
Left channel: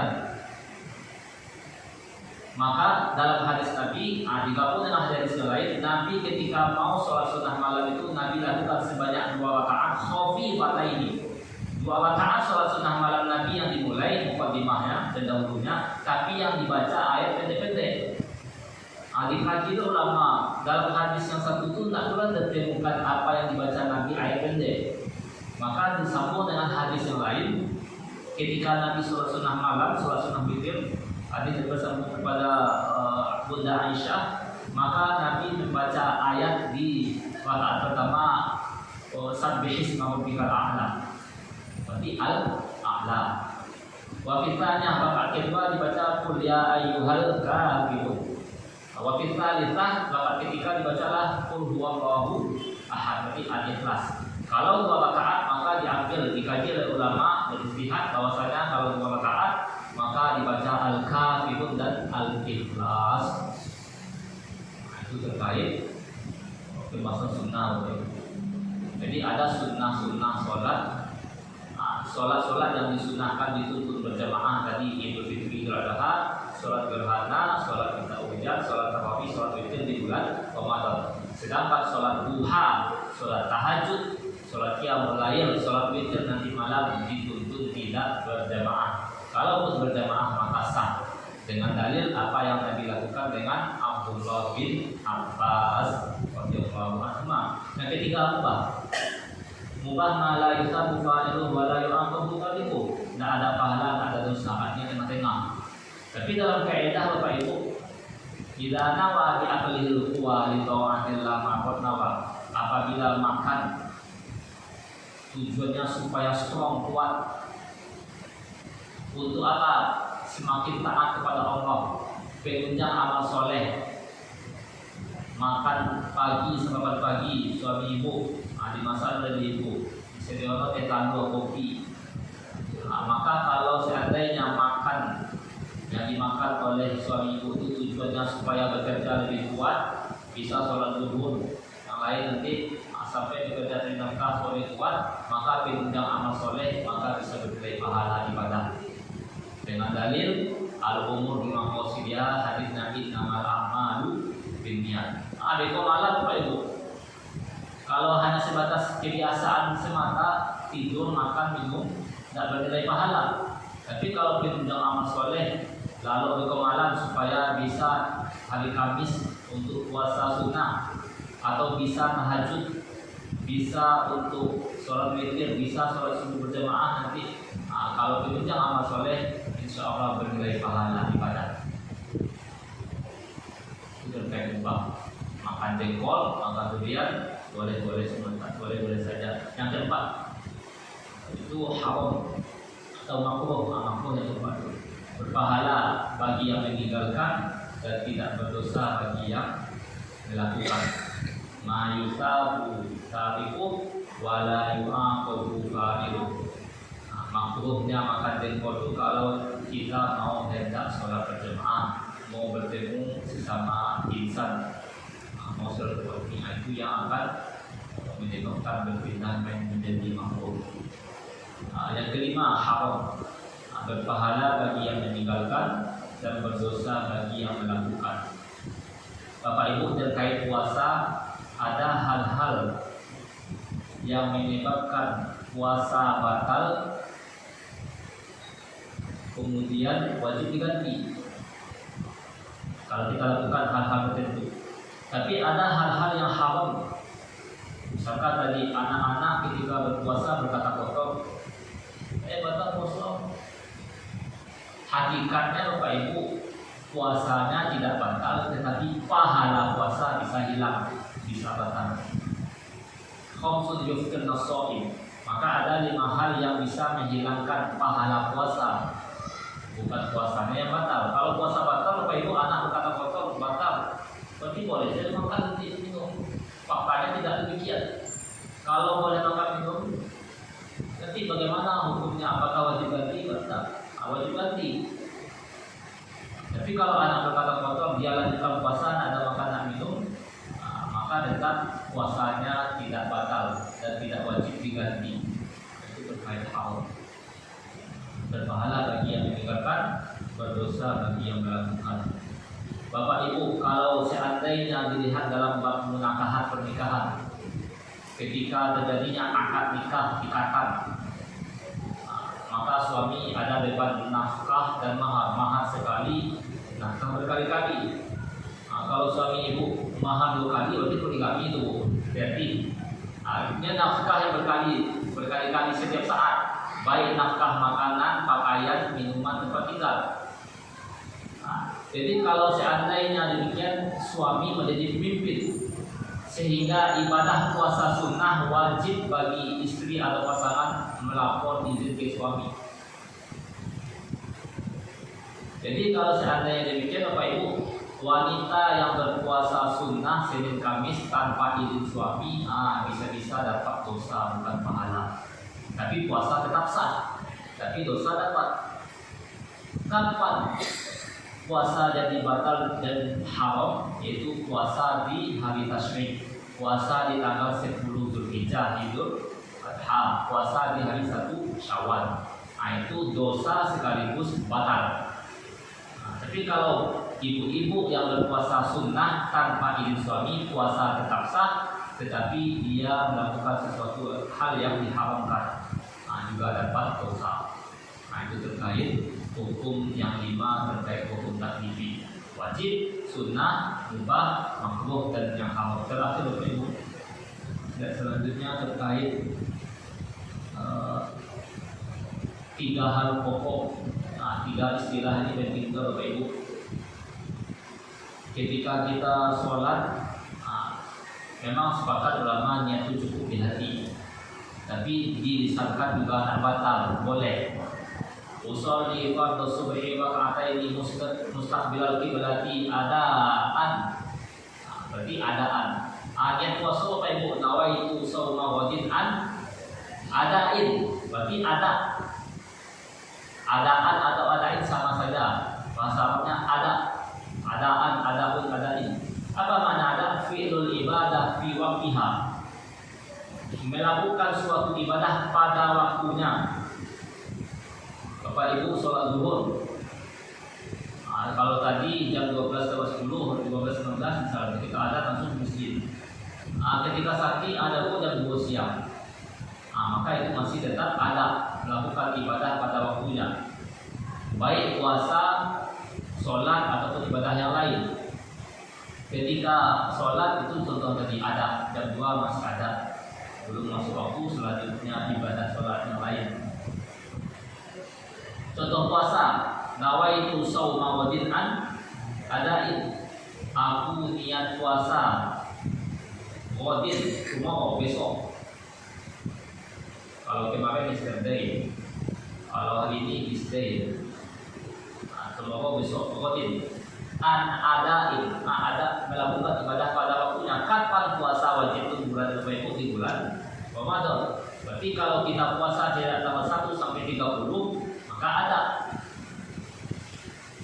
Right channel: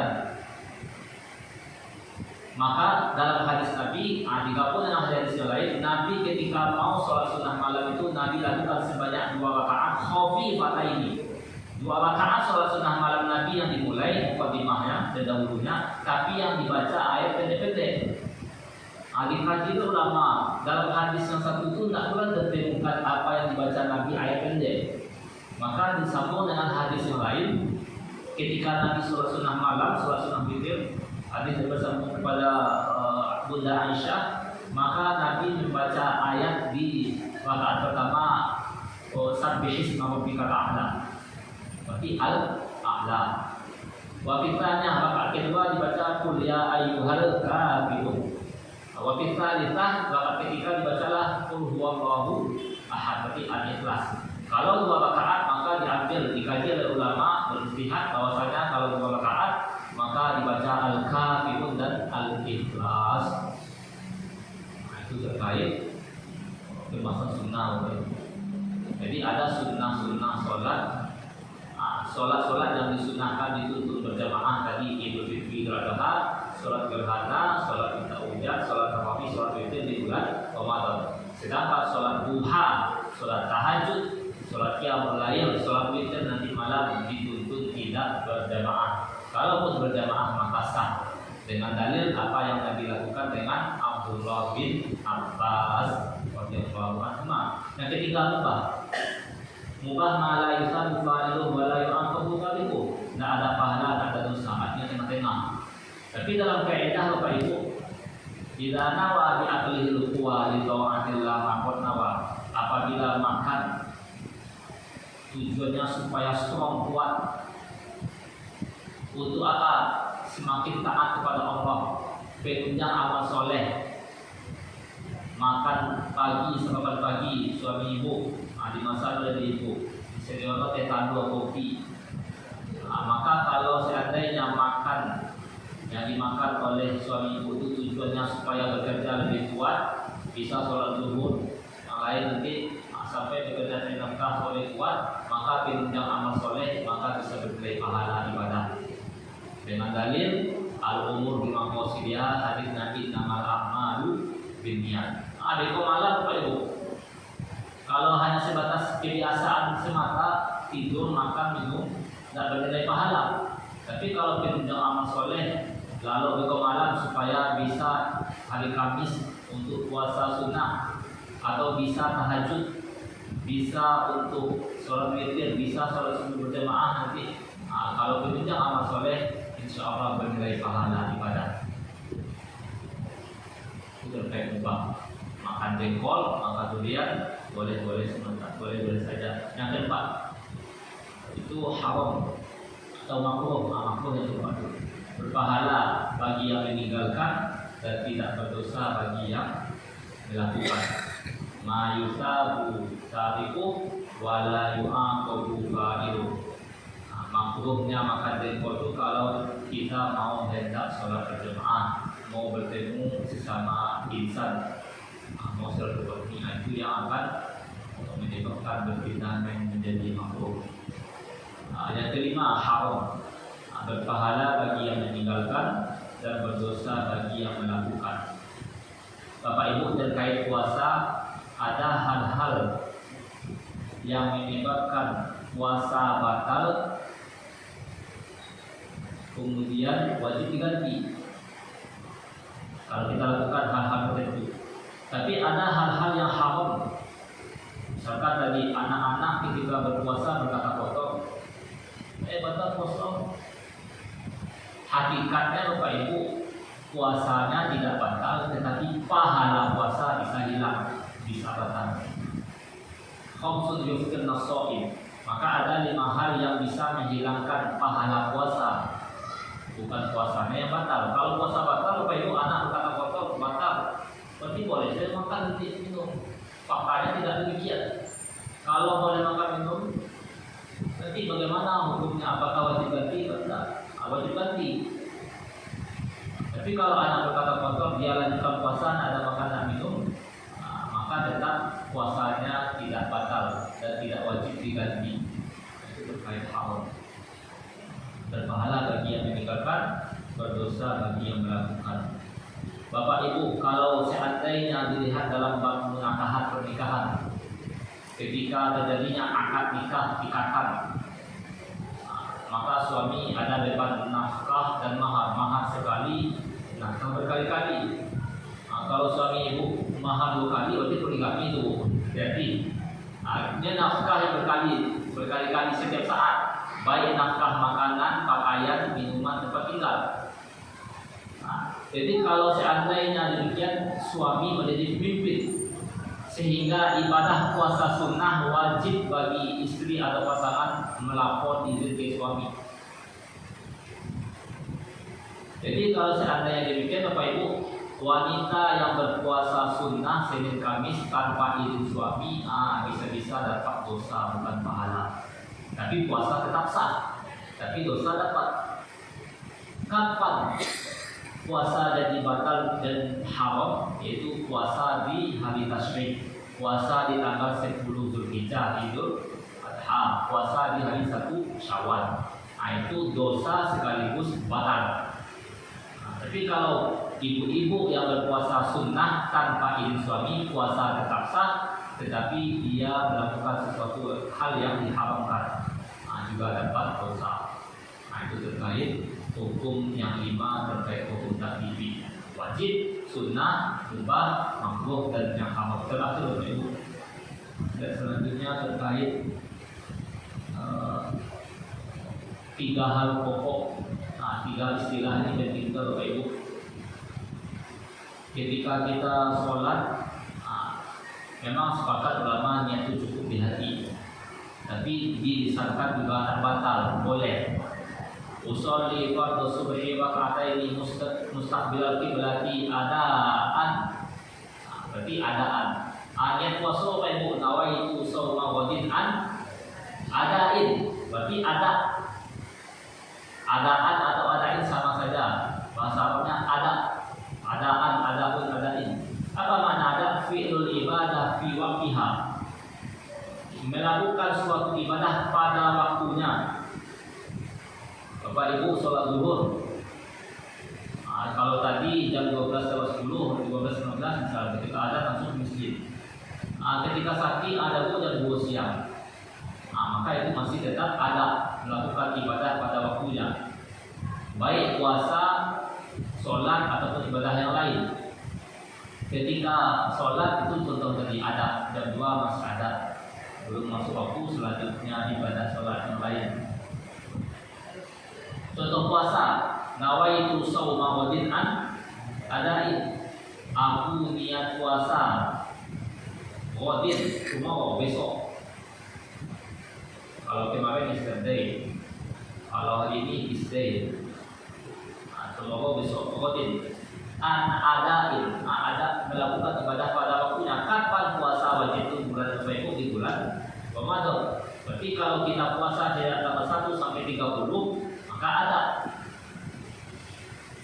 Maka dalam hadis Nabi, digabung dengan hadis yang lain, Nabi ketika mau sholat sunnah malam itu Nabi lakukan sebanyak 2 rakaat khafifataini. 2 rakaat sholat sunnah malam Nabi yang dimulai mukadimahnya pendahulunya, tapi yang dibaca ayat pendek-pendek. Dikaji ulama dalam hadis yang satu itu tidak pula ditemukan apa yang dibaca Nabi ayat pendek. Maka disambung dengan hadis yang lain, ketika Nabi sholat sunnah malam, sholat sunnah witir, hadis bersambung kepada Bunda Aisyah, maka Nabi membaca ayat di rakaat pertama Sabbih isma rabbikal a'la. Berarti al-a'la. Wa fitanya rakaat kedua dibaca qul ya ayyuhal kafirun. Wa fitalitah rakaat ketiga dibacalah qul huwallahu ahad. Berarti al-ikhlas. Kalau 2 rakaat maka diambil dikaji oleh ulama beristihad bahwasanya kalau 2 rakaat maka dibaca al-kafirun dan al-ikhlas. Itu terkait termasuk sunnah. Jadi ada sunnah-sunnah sholat yang disunahkan itu untuk berjamaah tadi Idul Fitri, Idul Adha, sholat gerhana, sholat tarawih, sholat tarawih, sholat witir di bulan Ramadan. Sedangkan sholat duha, sholat tahajud, sholat qiyamul lail, sholat witir nanti malam dituntut tidak berjamaah. Kalau berjamaah maka sah dengan dalil apa yang Nabi lakukan dengan Abdullah bin Abbas radhiyallahu anhu. Yang ketiga mubah malah yusan bukan itu wala yu'aqab bukan itu. Tidak ada pahala, tidak ada dosa, artinya tengah-tengah. Tapi dalam kaidah Bapak Ibu, idza nawa bi aqlihi al-quwa li ta'atillah maqad nawa. Apabila makan tujuannya supaya strong, kuat. Untuk apa? Semakin taat kepada Allah, penunjang amal soleh. Makan pagi sampai pagi suami ibu, dimasak oleh ibu, disediakan teh tandu kopi. Maka kalau seandainya makan yang dimakan oleh suami ibu itu tujuannya supaya bekerja lebih kuat, bisa sholat zuhur, yang lain nanti sampai bekerja dengan keras oleh kuat, maka penunjang amal soleh, maka bisa berkait pahala ibadah. Dengan dalil al-umur di maqasidiyah hadis Nabi namal a'malu binniyat. Ada malam Pak Ibu. Kalau hanya sebatas kebiasaan semata tidur, makan, minum, tidak bernilai pahala. Tapi kalau penunjang amal soleh, lalu malam supaya bisa hari Kamis untuk puasa sunnah, atau bisa tahajud, bisa untuk sholat witir, bisa sholat sunnah berjamaah nanti. Kalau penunjang amal soleh, insya Allah bernilai pahala ibadah. Itu terkait ubah. Makan jengkol, makan durian, boleh sebentar, boleh saja. Yang keempat itu haram atau makruh yang termasuk berpahala bagi yang meninggalkan dan tidak berdosa bagi yang melakukan. Ma yusabu tariku wala yu'aqabu fa'ilu. Makruhnya makan jengkol itu kalau kita mau hendak sholat berjamaah, mau bertemu sesama insan, mau silaturahmi, itu yang akan menyebabkan berfitnah yang menjadi makruh. Yang kelima haram, berpahala bagi yang meninggalkan dan berdosa bagi yang melakukan. Bapak Ibu, terkait puasa ada hal-hal yang menyebabkan puasa batal, kemudian wajib diganti kalau kita lakukan hal-hal tertentu. Tapi ada hal-hal yang haram. Misalkan dari anak-anak ketika berpuasa berkata kotor, batal puasa hakikatnya Bapak Ibu, puasanya tidak batal, tetapi pahala puasa bisa hilang, bisa batal. Khamsun yuftirna shaim. Maka ada 5 hal yang bisa menghilangkan pahala puasa. Bukan puasanya yang batal. Kalau puasa batal, Bapak Ibu anak berkata kotor batal. Berarti boleh saya makan minum. Faktanya tidak demikian. Kalau boleh makan minum, nanti bagaimana hukumnya? Apakah wajib ganti atau tidak? Wajib ganti. Tapi kalau anak berkata kotor, dia lanjutkan puasa, ada makanan minum, maka tetap puasanya tidak batal dan tidak wajib diganti. Itu terkait haram. Berpahala bagi yang meninggalkan, berdosa bagi yang melakukan. Bapak Ibu, kalau seandainya dilihat dalam bab menakahat pernikahan, ketika terjadinya akad nikah ikatan, maka suami ada beban nafkah dan mahar sekali, nafkah berkali-kali. Kalau suami ibu mahar 2 kali, berarti poligami itu. Jadi artinya nafkah yang berkali-kali setiap saat, baik nafkah makanan, pakaian, minuman, tempat tinggal. Jadi kalau seandainya demikian, suami menjadi pemimpin, sehingga ibadah puasa sunnah wajib bagi istri atau pasangan melapor izin ke suami. Jadi kalau seandainya demikian, Bapak Ibu, wanita yang berpuasa sunnah Senin Kamis tanpa izin suami, bisa-bisa dapat dosa bukan pahala. Tapi puasa tetap sah, tapi dosa dapat. Kapan puasa jadi batal dan haram? Yaitu puasa di hari tasyrik, puasa di tanggal 10 Zulhijjah, Idul Adha, puasa di hari 1 Syawal. Itu dosa sekaligus batal. Tapi kalau ibu-ibu yang berpuasa sunnah tanpa izin suami, puasa tetap sah, tetapi dia melakukan sesuatu hal yang diharamkan, juga dapat dosa. Itu terkait hukum yang 5 terkait hukum taklifi, wajib, sunnah, mubah, makruh, dan yang haram. Terakhir Ibu, dan selanjutnya terkait 3 hal pokok. 3 istilah ini penting Bapak Ibu. Ketika kita sholat, memang sepakat ulama niat itu cukup di hati, tapi dilisankan juga batal, boleh. Usolli fardhu subhi raka'ataini mustaqbilal qiblati adaan. Berarti adaan. Niat puasa Bapak Ibu, nawaitu shauma ghadin an adain. Berarti ada. Adaan atau adain sama saja. Bahasa Arabnya ada. Adaan, adaun, adain. Apa makna ada? Fi'lul ibadah fi waqtiha. Melakukan suatu ibadah pada waktunya. Bapak Ibu sholat zuhur, kalau tadi jam 12.10, 12.15 misalnya, ketika ada langsung ke masjid. Ketika sakit ada pun jam 2 siang. Maka itu masih tetap ada melakukan ibadah pada waktunya, baik puasa, sholat ataupun ibadah yang lain. Ketika sholat itu contoh tadi ada, jam 2 masih ada, belum masuk waktu, selanjutnya ibadah sholat yang lain. Contoh puasa, nawaitu shauma ghadin an adain. Aku niat puasa ghadin, cuma besok. Kalau kemarin yesterday, kalau hari ini this day. Cuma besok ghadin. An adain, ada melakukan ibadah pada waktunya. Kapan puasa wajib itu? Bulan Ramadan, di bulan Ramadan. Berarti kalau kita puasa dari tanggal 1 sampai 30, maka ada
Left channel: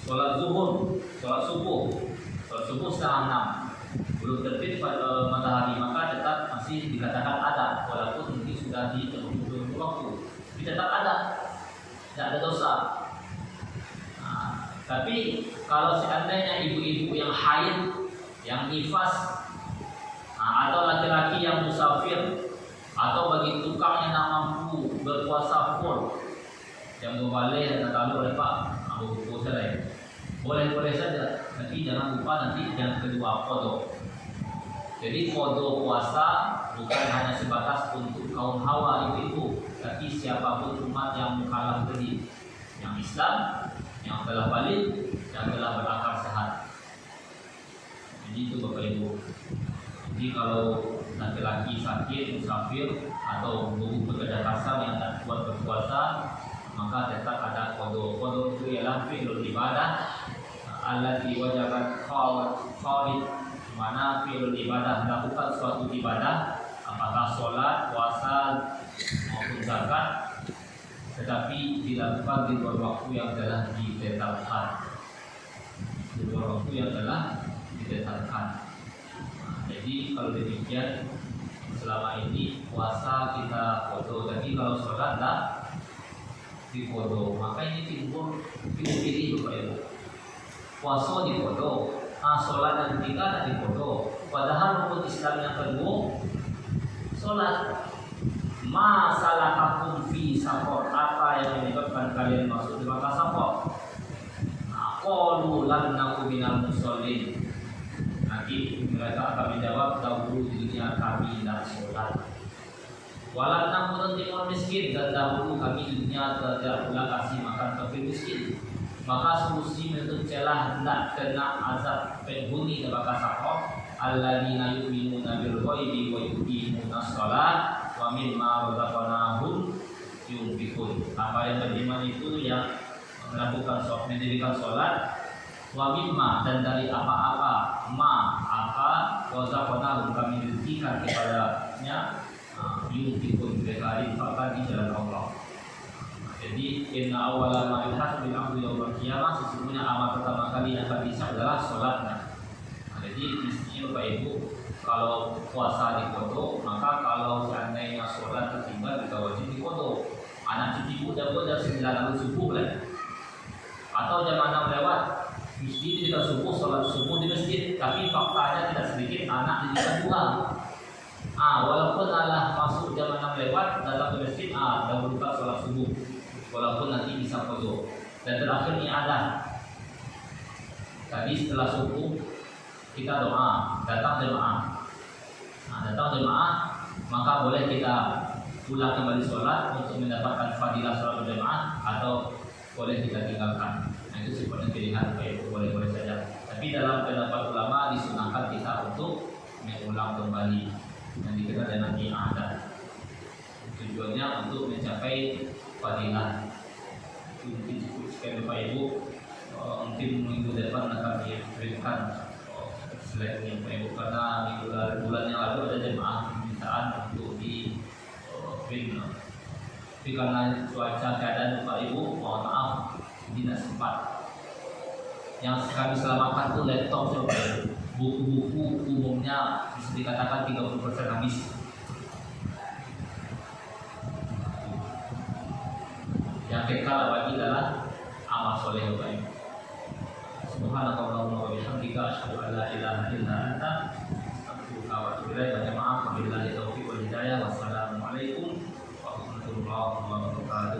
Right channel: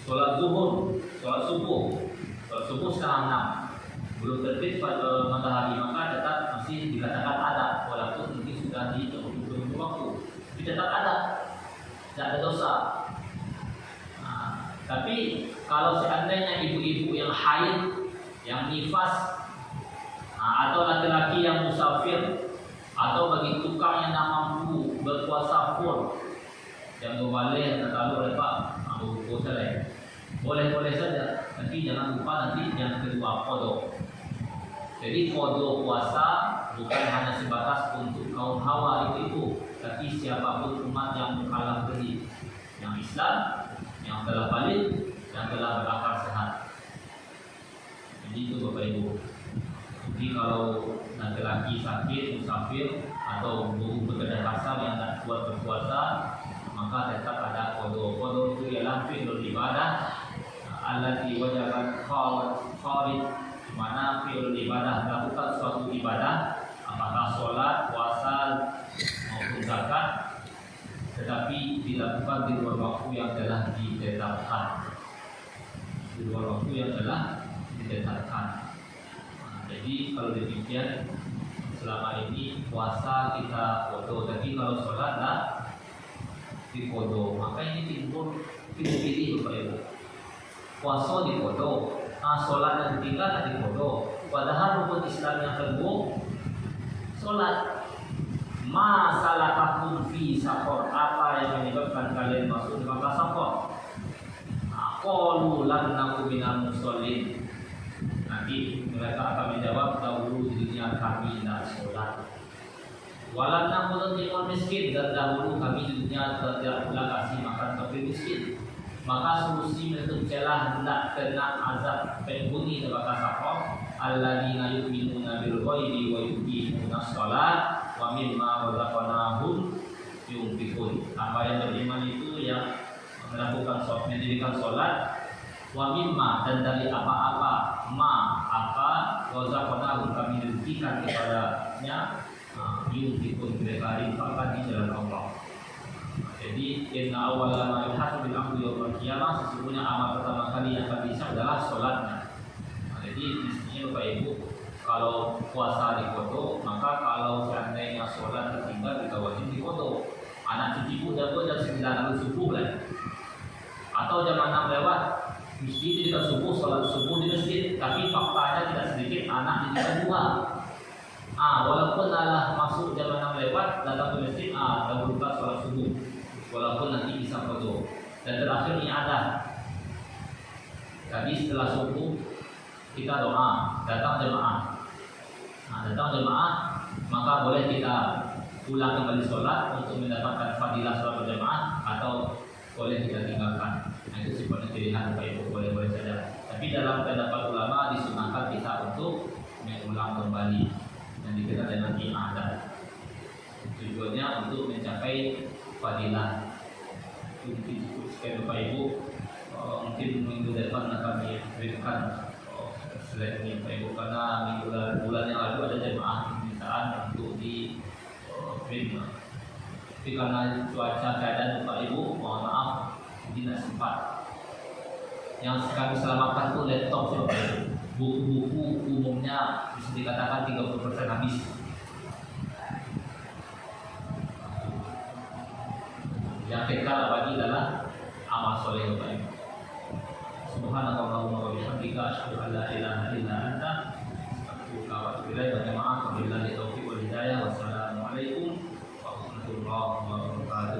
sholat zuhur, sholat subuh setengah 6 belum terbit pada matahari, maka tetap masih dikatakan ada, walaupun mungkin sudah di belum waktu, tapi tetap ada, tidak ada dosa. Tapi kalau seandainya ibu-ibu yang haid, yang nifas, atau laki-laki yang musafir, atau bagi tukang yang tak mampu berpuasa full, yang boleh kalau lepas boleh saja, tapi jangan lupa nanti yang kedua qadha. Jadi qadha puasa bukan hanya sebatas untuk kaum hawa itu, tapi siapapun umat yang mukallaf tadi, yang Islam, yang yang telah balik, yang telah berakal sehat. Jadi itu Bapak Ibu. Jadi kalau laki-laki sakit, musafir atau bekerja kasar yang tak kuat berpuasa, maka tetap ada qada. Qada itu ialah fi'lul ibadah allati wajabat farid, mana fi'lul ibadah melakukan suatu ibadah, apakah sholat, puasa maupun zakat, tetapi dilakukan di luar waktu yang telah ditetapkan. Di luar waktu yang telah ditetapkan. Jadi kalau demikian selama ini puasa kita foto, tapi kalau sholat dah di foto, maka ini timbul pilih-pilih Bapak Ibu. Puasa di foto, sholat dan tinggal di foto. Padahal rukun Islam yang kedua sholat. Masalah akun fi safar, apa yang menyebabkan kalian masuk di masa safar? Qalu lam naku minal musallin. Nanti mereka akan menjawab, dahulu dirinya kami tidak sholat. Walau namun timur miskin, dan dahulu kami dirinya tidak pula kasih makan fakir miskin. Maka solusi menutup celah hendak kena azab penghuni neraka safar, alladzina yu'minuna bil ghaibi wa yuqimuna shalah wa mimma razaqnahum yunfiqun. Hamba yang beriman itu yang mendirikan sholat, wa mimma, dan dari apa-apa, apa razaqnahum kami rezekikan kepadanya, yunfiqun, mereka infakkan di dalam Allah. Jadi inna awwala ma yuhasabu bil 'abdi yaumil qiyamah, sesungguhnya amal pertama kali yang akan dihisab adalah sholatnya. Jadi mestinya Bapak Ibu, kalau puasa difoto, maka kalau seandainya sholat tertinggal kita wajib difoto. Anak cucuku udah 9 subuh kan, atau jam 6 lewat, mesti tidak subuh, sholat subuh di masjid, tapi faktanya tidak sedikit anak di jam 2. Walaupun anak masuk jam 6 lewat, datang ke masjid, dahulu kita sholat subuh, walaupun nanti bisa foto. Dan terakhir ibadah. Tadi setelah subuh kita doa, datang jemaah. Datang jemaah, maka boleh kita pulang kembali sholat untuk mendapatkan fadilah sholat berjemaah, atau boleh kita tinggalkan. Itu seperti pilihan Bapak Ibu, boleh saja. Tapi dalam pendapat ulama disunahkan kita untuk mengulang kembali dan dikenal dengan ibadah. Tujuannya untuk mencapai fadilah. Mungkin cukup sekian Bapak Ibu. Mungkin minggu depan akan diberikan selain ini Bapak Ibu, karena bulan yang lalu ada jemaah permintaan untuk di film. Tapi karena cuaca keadaan Bapak Ibu, mohon maaf tidak sempat. Yang kami selamatkan itu laptop Bapak Ibu. Buku-buku umumnya bisa dikatakan 30% habis. Yang kekal lagi adalah amal soleh Bapak Ibu. Subhanakallahumma wa bihamdika asyhadu an la ilaha illa anta astaghfiruka wa atubu ilaik.